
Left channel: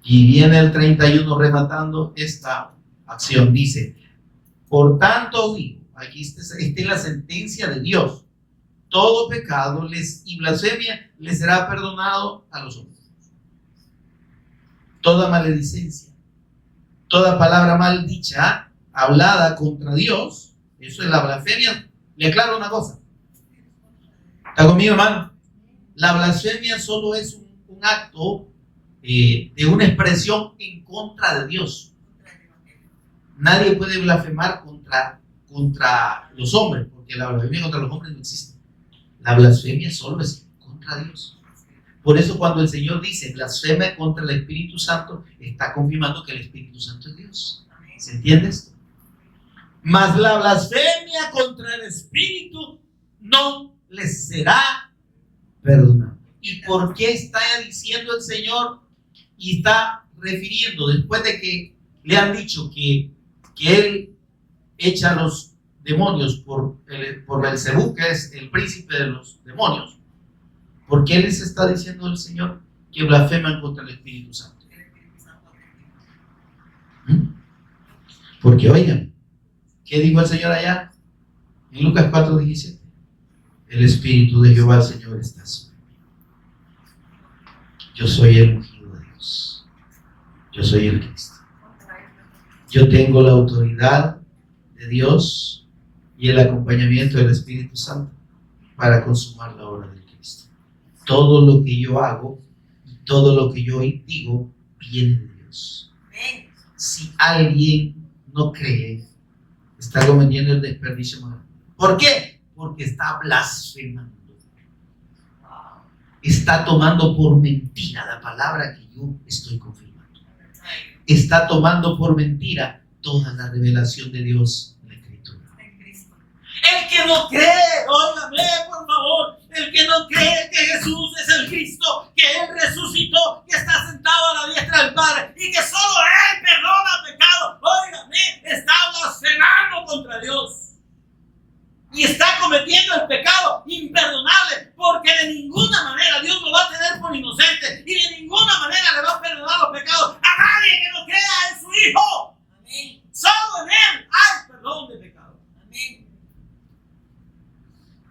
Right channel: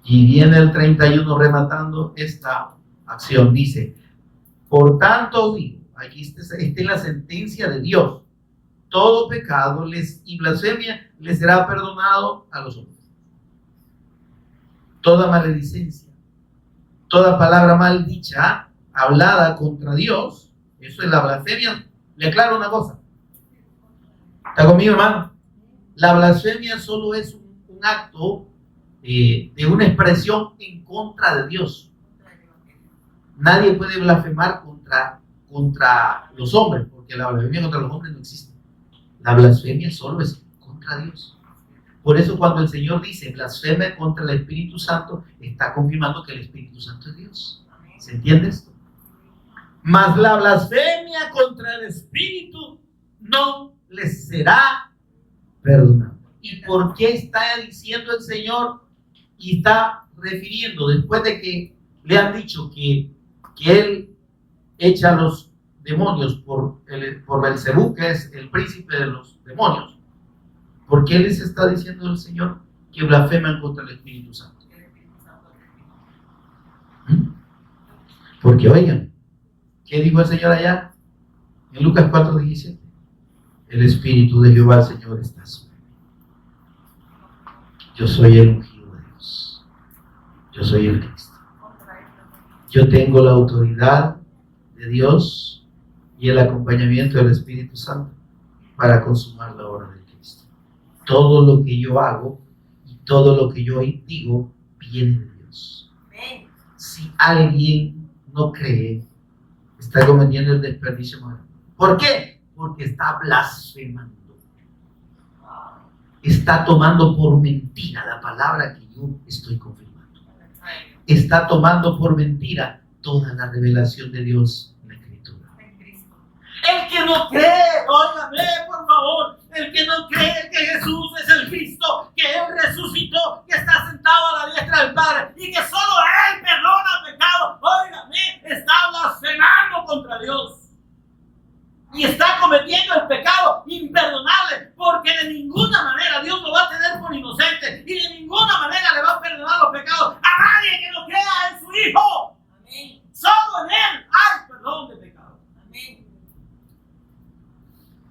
Y viene el 31 rematando esta acción. Dice: por tanto digo, aquí esta es la sentencia de Dios, todo pecado y blasfemia les será perdonado a los hombres. Toda maledicencia, toda palabra mal dicha, hablada contra Dios, eso es la blasfemia. Le aclaro una cosa. ¿Está conmigo, hermano? La blasfemia solo es un acto de una expresión en contra de Dios. Nadie puede blasfemar contra los hombres, porque la blasfemia contra los hombres no existe. La blasfemia solo es contra Dios. Por eso cuando el Señor dice blasfema contra el Espíritu Santo, está confirmando que el Espíritu Santo es Dios. ¿Se entiende esto? Mas la blasfemia contra el Espíritu no les será perdonada. ¿Y por qué está diciendo el Señor y está refiriendo después de que le han dicho que Él echa a los demonios por Belcebú, que es el príncipe de los demonios? ¿Por qué les está diciendo el Señor que blasfeman contra el Espíritu Santo? Porque oigan, ¿qué dijo el Señor allá? En Lucas 4:17. El Espíritu de Jehová el Señor está sobre mí. Yo soy el ungido de Dios. Yo soy el Cristo. Yo tengo la autoridad de Dios y el acompañamiento del Espíritu Santo para consumar la obra de Cristo. Todo lo que yo hago y todo lo que yo digo viene de Dios. Si alguien no cree, está cometiendo el desperdicio más grande. ¿Por qué? Porque está blasfemando. Está tomando por mentira la palabra que yo estoy confirmando. Está tomando por mentira toda la revelación de Dios en la Escritura. El que no cree, óigame por favor, el que no cree que Jesús es el Cristo, que Él resucitó, que está sentado a la diestra del Padre y que solo Él perdona pecado, óigame, está blasfemando contra Dios. Y está cometiendo el pecado imperdonable, porque de ninguna manera Dios lo va a tener por inocente y de ninguna manera le va a perdonar los pecados a nadie que no crea en su Hijo. Amén. Solo en Él hay perdón de pecado. Amén.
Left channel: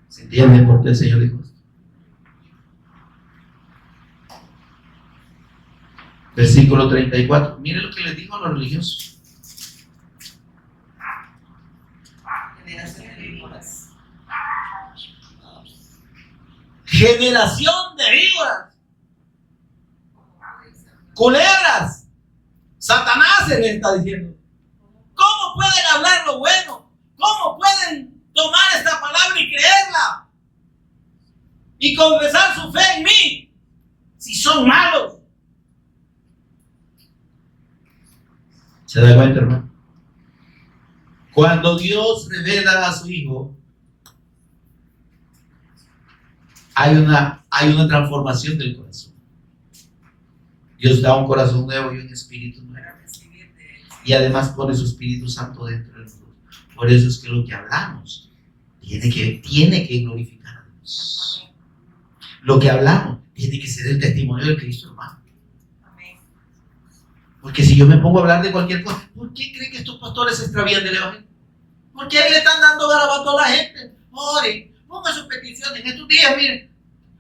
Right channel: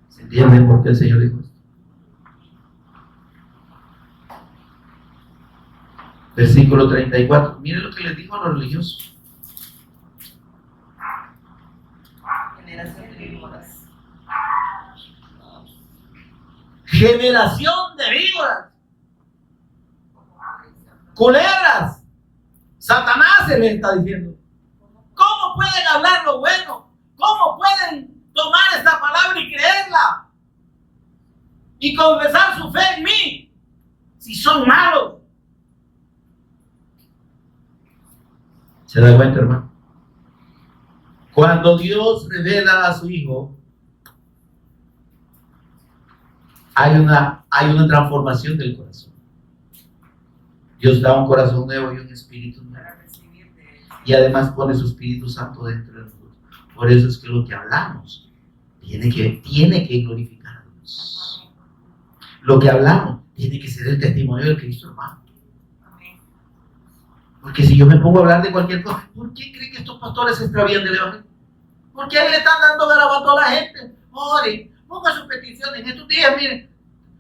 ¿Se entiende por qué el Señor dijo esto? Versículo 34. Miren lo que les dijo a los religiosos. Generación de víboras, culebras. Satanás se les está diciendo: ¿cómo pueden hablar lo bueno? ¿Cómo pueden tomar esta palabra y creerla y confesar su fe en mí si son malos? ¿Se da cuenta, hermano? Cuando Dios revela a su Hijo, hay una transformación del corazón. Dios da un corazón nuevo y un espíritu nuevo. y además pone su Espíritu Santo dentro de nosotros. Por eso es que lo que hablamos tiene que glorificar a Dios. Lo que hablamos tiene que ser el testimonio de Cristo, hermano. Porque si yo me pongo a hablar de cualquier cosa, ¿por qué creen que estos pastores se extravían del evangelio? Porque ahí le están dando garabato a la gente. Ore, ponga sus peticiones. En estos días, miren,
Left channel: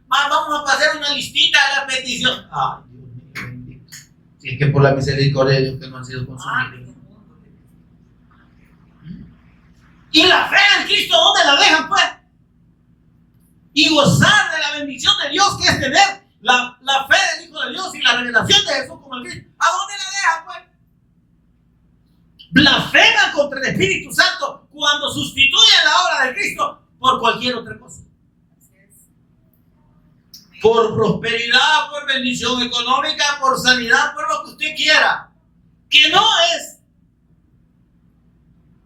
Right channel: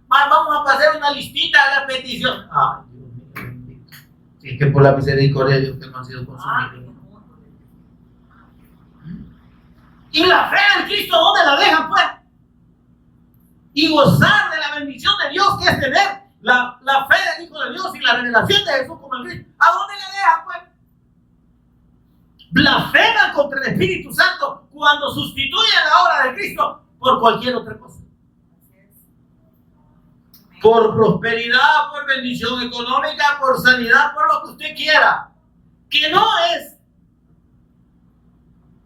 vamos a pasar una listita de las peticiones. Ay, Dios mío, bendito. Si es que por la misericordia de Dios que no han sido consumidos. Y la fe en Cristo, ¿dónde la dejan, pues? Y gozar de la bendición de Dios, que es tener la fe del Hijo de Dios y la revelación de Jesús como el Cristo. ¿A dónde la dejan, pues? Blasfeman contra el Espíritu Santo cuando sustituyen la obra de Cristo por cualquier otra cosa. Por prosperidad, por bendición económica, por sanidad, por lo que usted quiera, que no es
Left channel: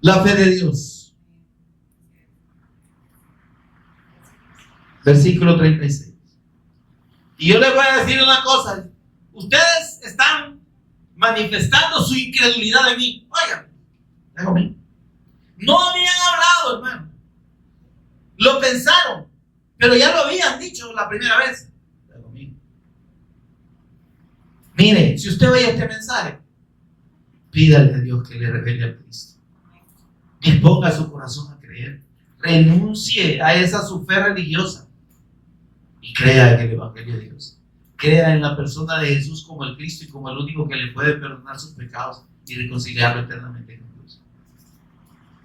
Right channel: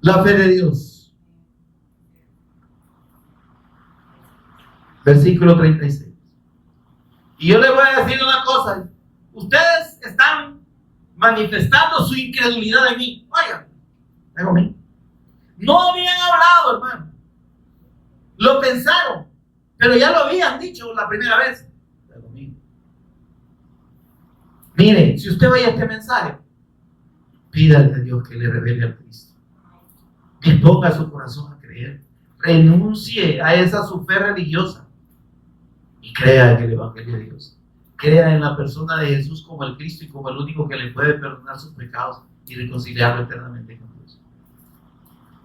la fe de Dios. Versículo 36. Y yo les voy a decir una cosa. Ustedes están manifestando su incredulidad en mí. Oigan, no habían hablado, hermano. Lo pensaron, pero ya lo habían dicho la primera vez. Mire, si usted oye este mensaje, pídale a Dios que le revele a Cristo. Que ponga su corazón a creer. Renuncie a esa su fe religiosa y crea en el Evangelio de Dios. Crea en la persona de Jesús como el Cristo y como el único que le puede perdonar sus pecados y reconciliarlo eternamente con Dios.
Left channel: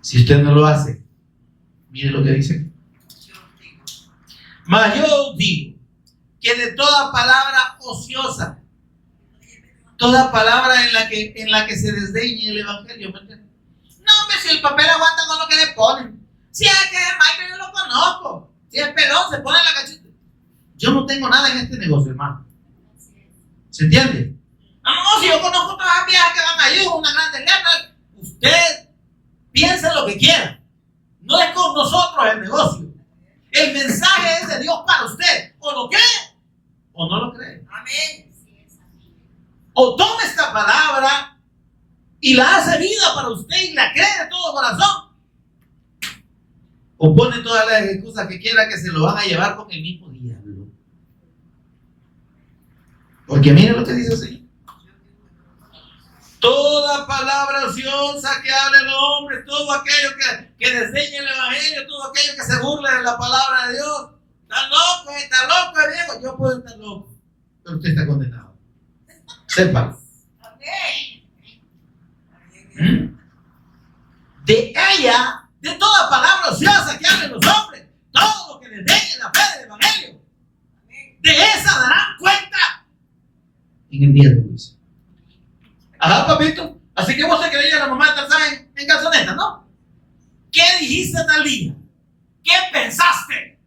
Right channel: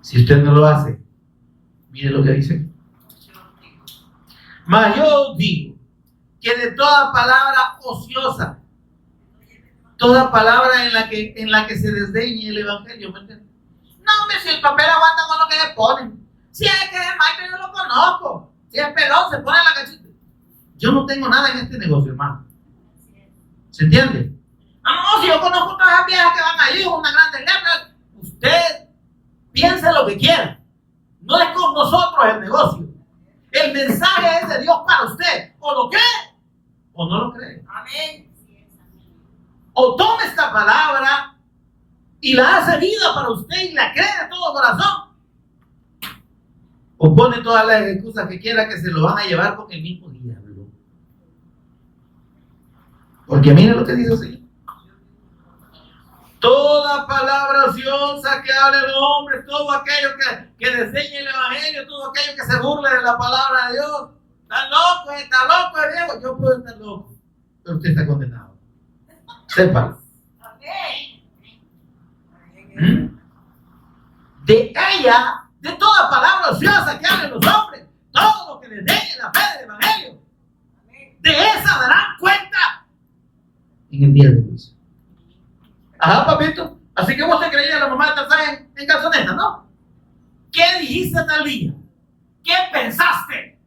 Si usted no lo hace, mire lo que dice. Mas yo digo que de toda palabra ociosa, toda palabra en la que se desdeñe el Evangelio, ¿me entiendes? No, hombre, si el papel aguanta con lo que le ponen. Si es que es Michael, yo lo conozco. Si es pelón, se pone la cachita. Yo no tengo nada en este negocio, hermano. ¿Se entiende? No, si yo conozco todas las viejas que van allí con una grande letra. Usted piense lo que quiera. No es con nosotros el negocio. El mensaje es de Dios para usted. O lo cree o no lo cree. Amén. O toma esta palabra y la hace vida para usted y la cree de todo corazón. O pone todas las excusas que quiera que se lo van a llevar con el mismo diablo. Porque mire lo que dice el Señor. Toda palabra ociosa que hable el hombre, todo aquello que desdeñe el Evangelio, todo aquello que se burle de la palabra de Dios. Está loco, viejo. Yo puedo estar loco, pero usted está condenado. Sépa. De ella, de toda palabra ociosa que hablen los hombres, todo lo que desdeñe la fe del Evangelio, de esa darán cuenta en el día de juicio. Ajá, papito. Así que vos te creías la mamá de Tarzán en calzoneta, ¿no? ¿Qué dijiste tal día? ¿Qué pensaste?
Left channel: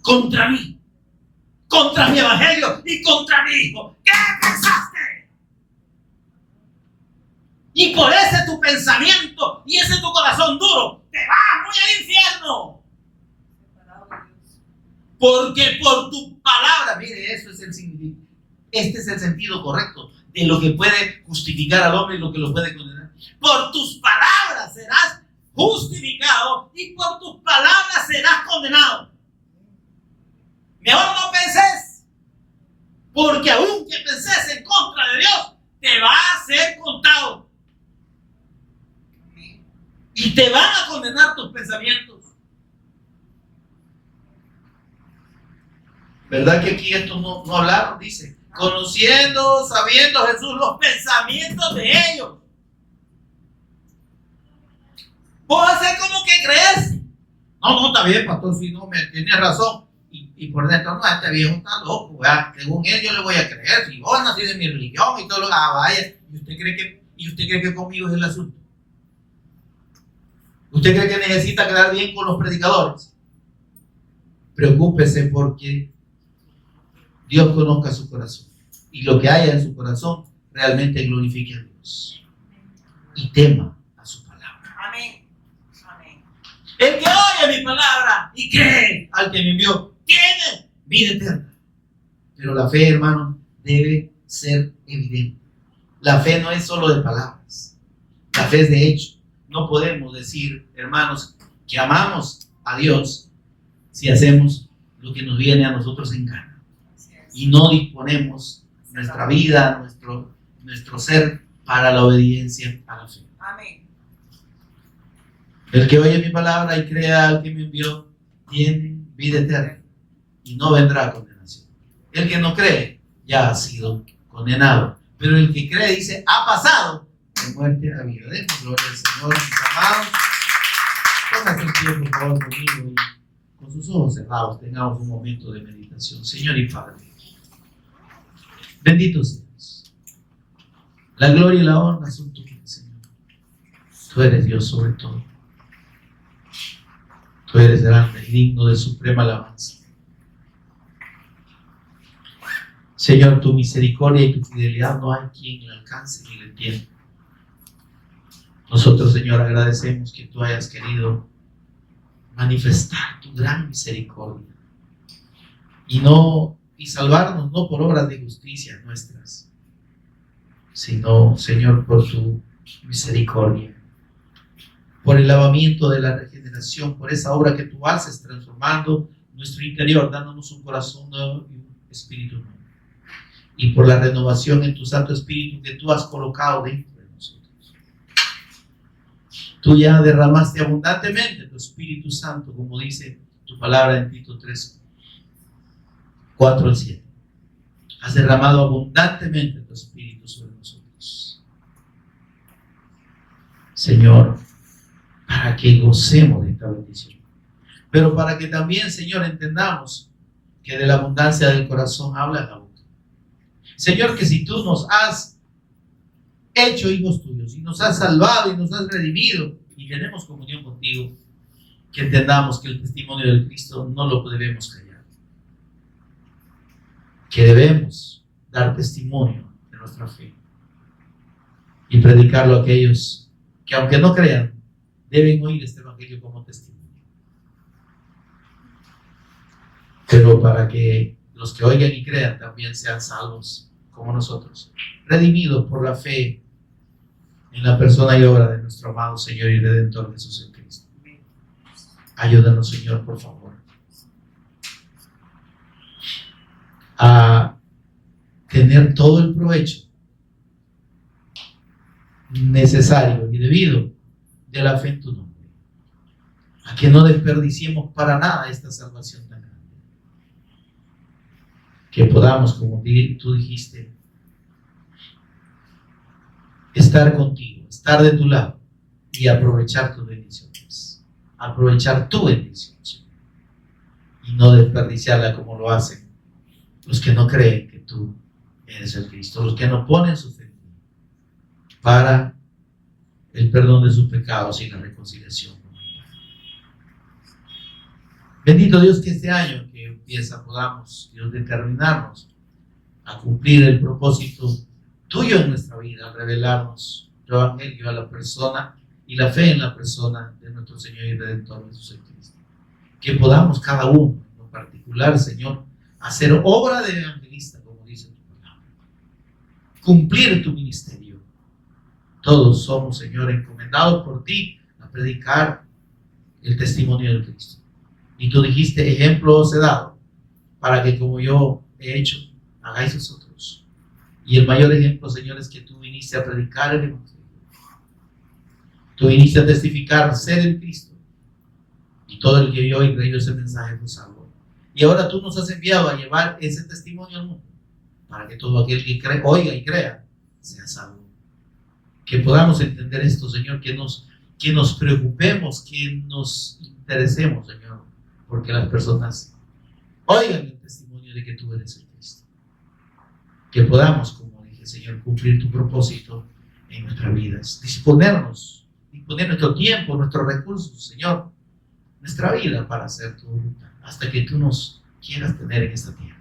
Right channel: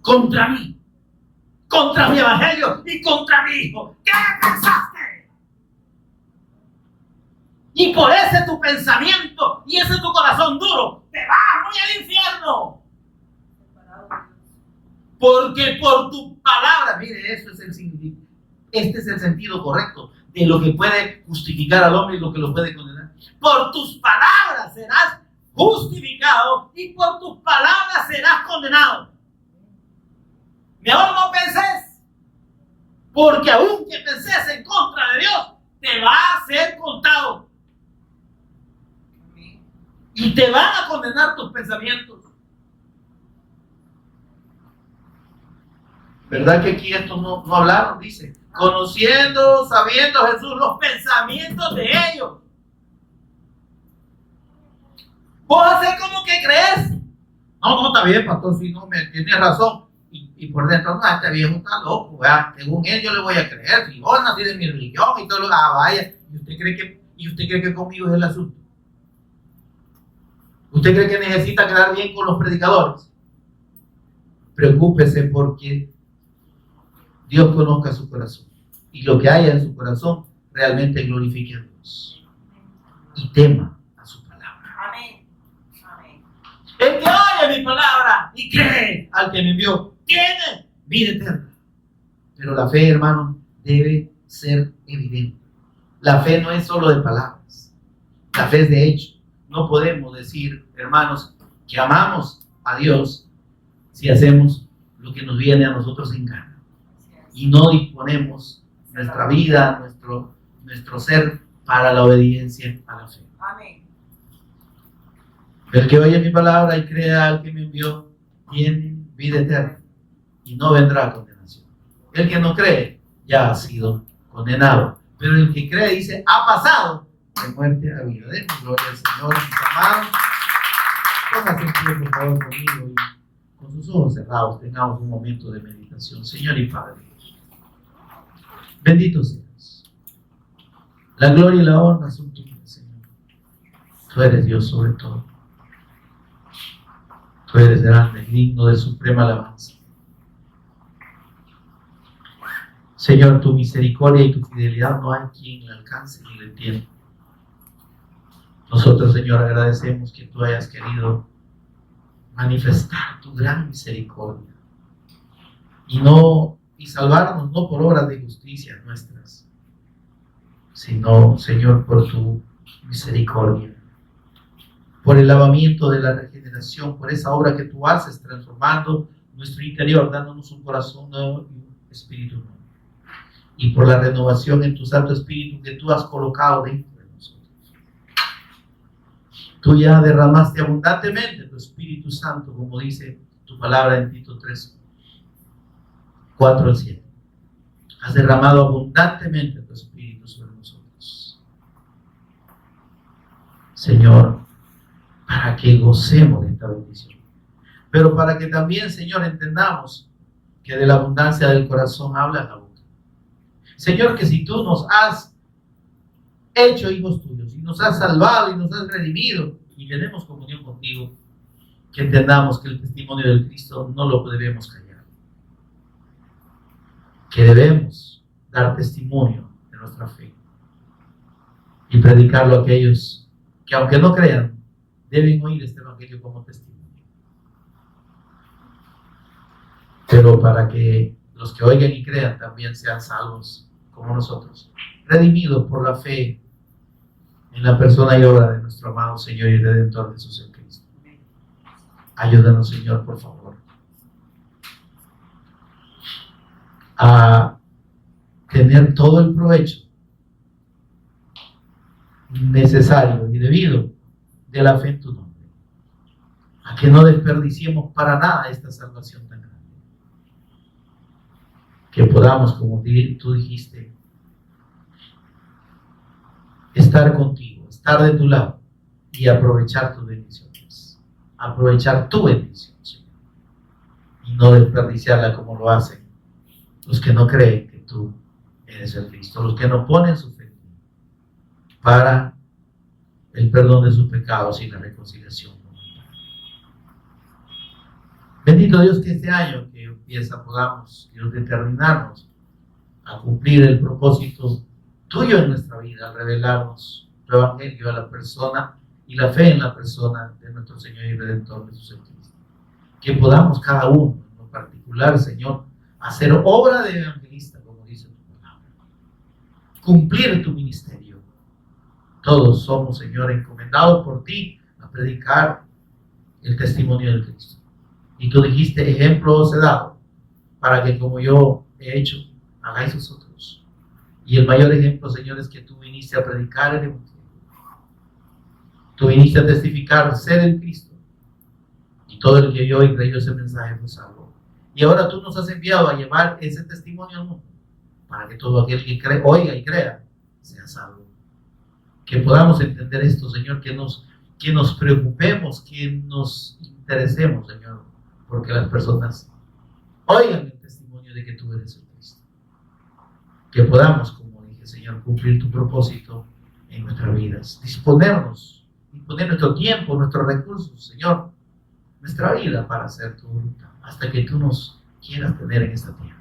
Contra mí, contra mi Evangelio y contra mi hijo. ¿Qué pensaste? Y por ese tu pensamiento y ese tu corazón duro, te vas muy al infierno. Porque por tu palabra, mire, eso es el significado. Este es el sentido correcto de lo que puede justificar al hombre y lo que lo puede condenar. Por tus palabras serás justificado y por tus palabras serás condenado. Mejor no penses, porque aunque penses en contra de Dios, te va a ser contado. Y te van a condenar tus pensamientos. ¿Verdad que aquí estos no hablaron? Dice, conociendo, sabiendo Jesús los pensamientos de ellos. ¿Vos haces como que crees? No, está bien, pastor, si no me tiene razón. Y por dentro, no, este viejo está loco, ¿verdad? Según él yo le voy a creer. Si vos nací de mi religión y todo lo que vaya. ¿Y usted cree que conmigo es el asunto? ¿Usted cree que necesita quedar bien con los predicadores? Preocúpese porque Dios conozca su corazón. Y lo que haya en su corazón realmente glorifique a Dios. Y tema a su palabra. Amén. Amén. El que oye mi palabra y cree al que me envió, tiene vida eterna. Pero la fe, hermano, debe ser evidente. La fe no es solo de palabras, la fe es de hecho. No podemos decir, hermanos, que amamos a Dios si hacemos lo que nos viene a nosotros en gana y no disponemos nuestra vida, nuestro ser para la obediencia a la fe. Amén. El que oye mi palabra y crea al que me envió tiene vida eterna y no vendrá condenación. El que no cree ya ha sido condenado, pero el que cree, dice, ha pasado de muerte a vida. Den gloria al Señor, mis amados. Pónganse en pie, por favor, conmigo y con sus ojos cerrados tengamos un momento de meditación. Señor y Padre, bendito seas. La gloria y la honra son tuyas, Señor. Tú eres Dios sobre todo. Tú eres grande y digno de suprema alabanza. Señor, tu misericordia y tu fidelidad no hay quien la alcance ni la entienda. Nosotros, Señor, agradecemos que tú hayas querido manifestar tu gran misericordia y salvarnos no por obras de justicia nuestras, sino, Señor, por tu misericordia, por el lavamiento de la regeneración, por esa obra que tú haces transformando nuestro interior, dándonos un corazón nuevo y un espíritu nuevo, y por la renovación en tu Santo Espíritu que tú has colocado dentro de nosotros. Tú ya derramaste abundantemente tu Espíritu Santo, como dice tu palabra en Tito 3, 4 al 7. Has derramado abundantemente tu Espíritu sobre nosotros, Señor, para que gocemos de esta bendición, pero para que también, Señor, entendamos que de la abundancia del corazón habla la boca. Señor, que si tú nos has hecho hijos tuyos y nos has salvado y nos has redimido y tenemos comunión contigo, que entendamos que el testimonio del Cristo no lo debemos callar, que debemos dar testimonio de nuestra fe y predicarlo a aquellos que, aunque no crean, deben oír este evangelio como testimonio. Pero para que los que oigan y crean también sean salvos como nosotros, redimidos por la fe en la persona y obra de nuestro amado Señor y Redentor Jesús el Cristo. Ayúdanos, Señor, por favor, a tener todo el provecho necesario y debido de la fe en tu nombre, a que no desperdiciemos para nada esta salvación tan grande, que podamos, como tú dijiste, estar contigo, estar de tu lado y aprovechar tus bendiciones, aprovechar tu bendición, Señor, y no desperdiciarla como lo hacen los que no creen que tú eres el Cristo, los que no ponen su fe en ti para el perdón de sus pecados y la reconciliación. Bendito Dios, que este año que empieza podamos, Dios, determinarnos a cumplir el propósito tuyo en nuestra vida, al revelarnos tu evangelio a la persona y la fe en la persona de nuestro Señor y Redentor Jesús Cristo. Que podamos cada uno en particular, Señor, hacer obra de evangelista, como dice tu palabra, cumplir tu ministerio. Todos somos, Señor, encomendados por ti a predicar el testimonio de Cristo. Y tú dijiste, ejemplo os he dado, para que como yo he hecho, hagáis vosotros. Y el mayor ejemplo, Señor, es que tú viniste a predicar el evangelio. Tú viniste a testificar, ser el Cristo. Y todo el que oyó y creyó ese mensaje fue salvo. Y ahora tú nos has enviado a llevar ese testimonio al mundo, para que todo aquel que oiga y crea, sea salvo. Que podamos entender esto, Señor, que nos preocupemos, que nos interesemos, Señor, porque las personas oigan el testimonio de que tú eres el Cristo. Que podamos, como dije, Señor, cumplir tu propósito en nuestras vidas. Disponer nuestro tiempo, nuestros recursos, Señor, nuestra vida para hacer tu voluntad, hasta que tú nos quieras tener en esta tierra.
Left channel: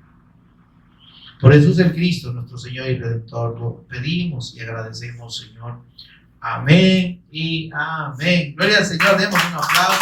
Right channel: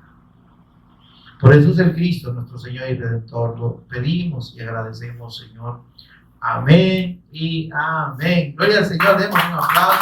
Por eso es el Cristo, nuestro Señor y Redentor. Lo pedimos y agradecemos, Señor. Amén y amén. Gloria al Señor. Demos un aplauso.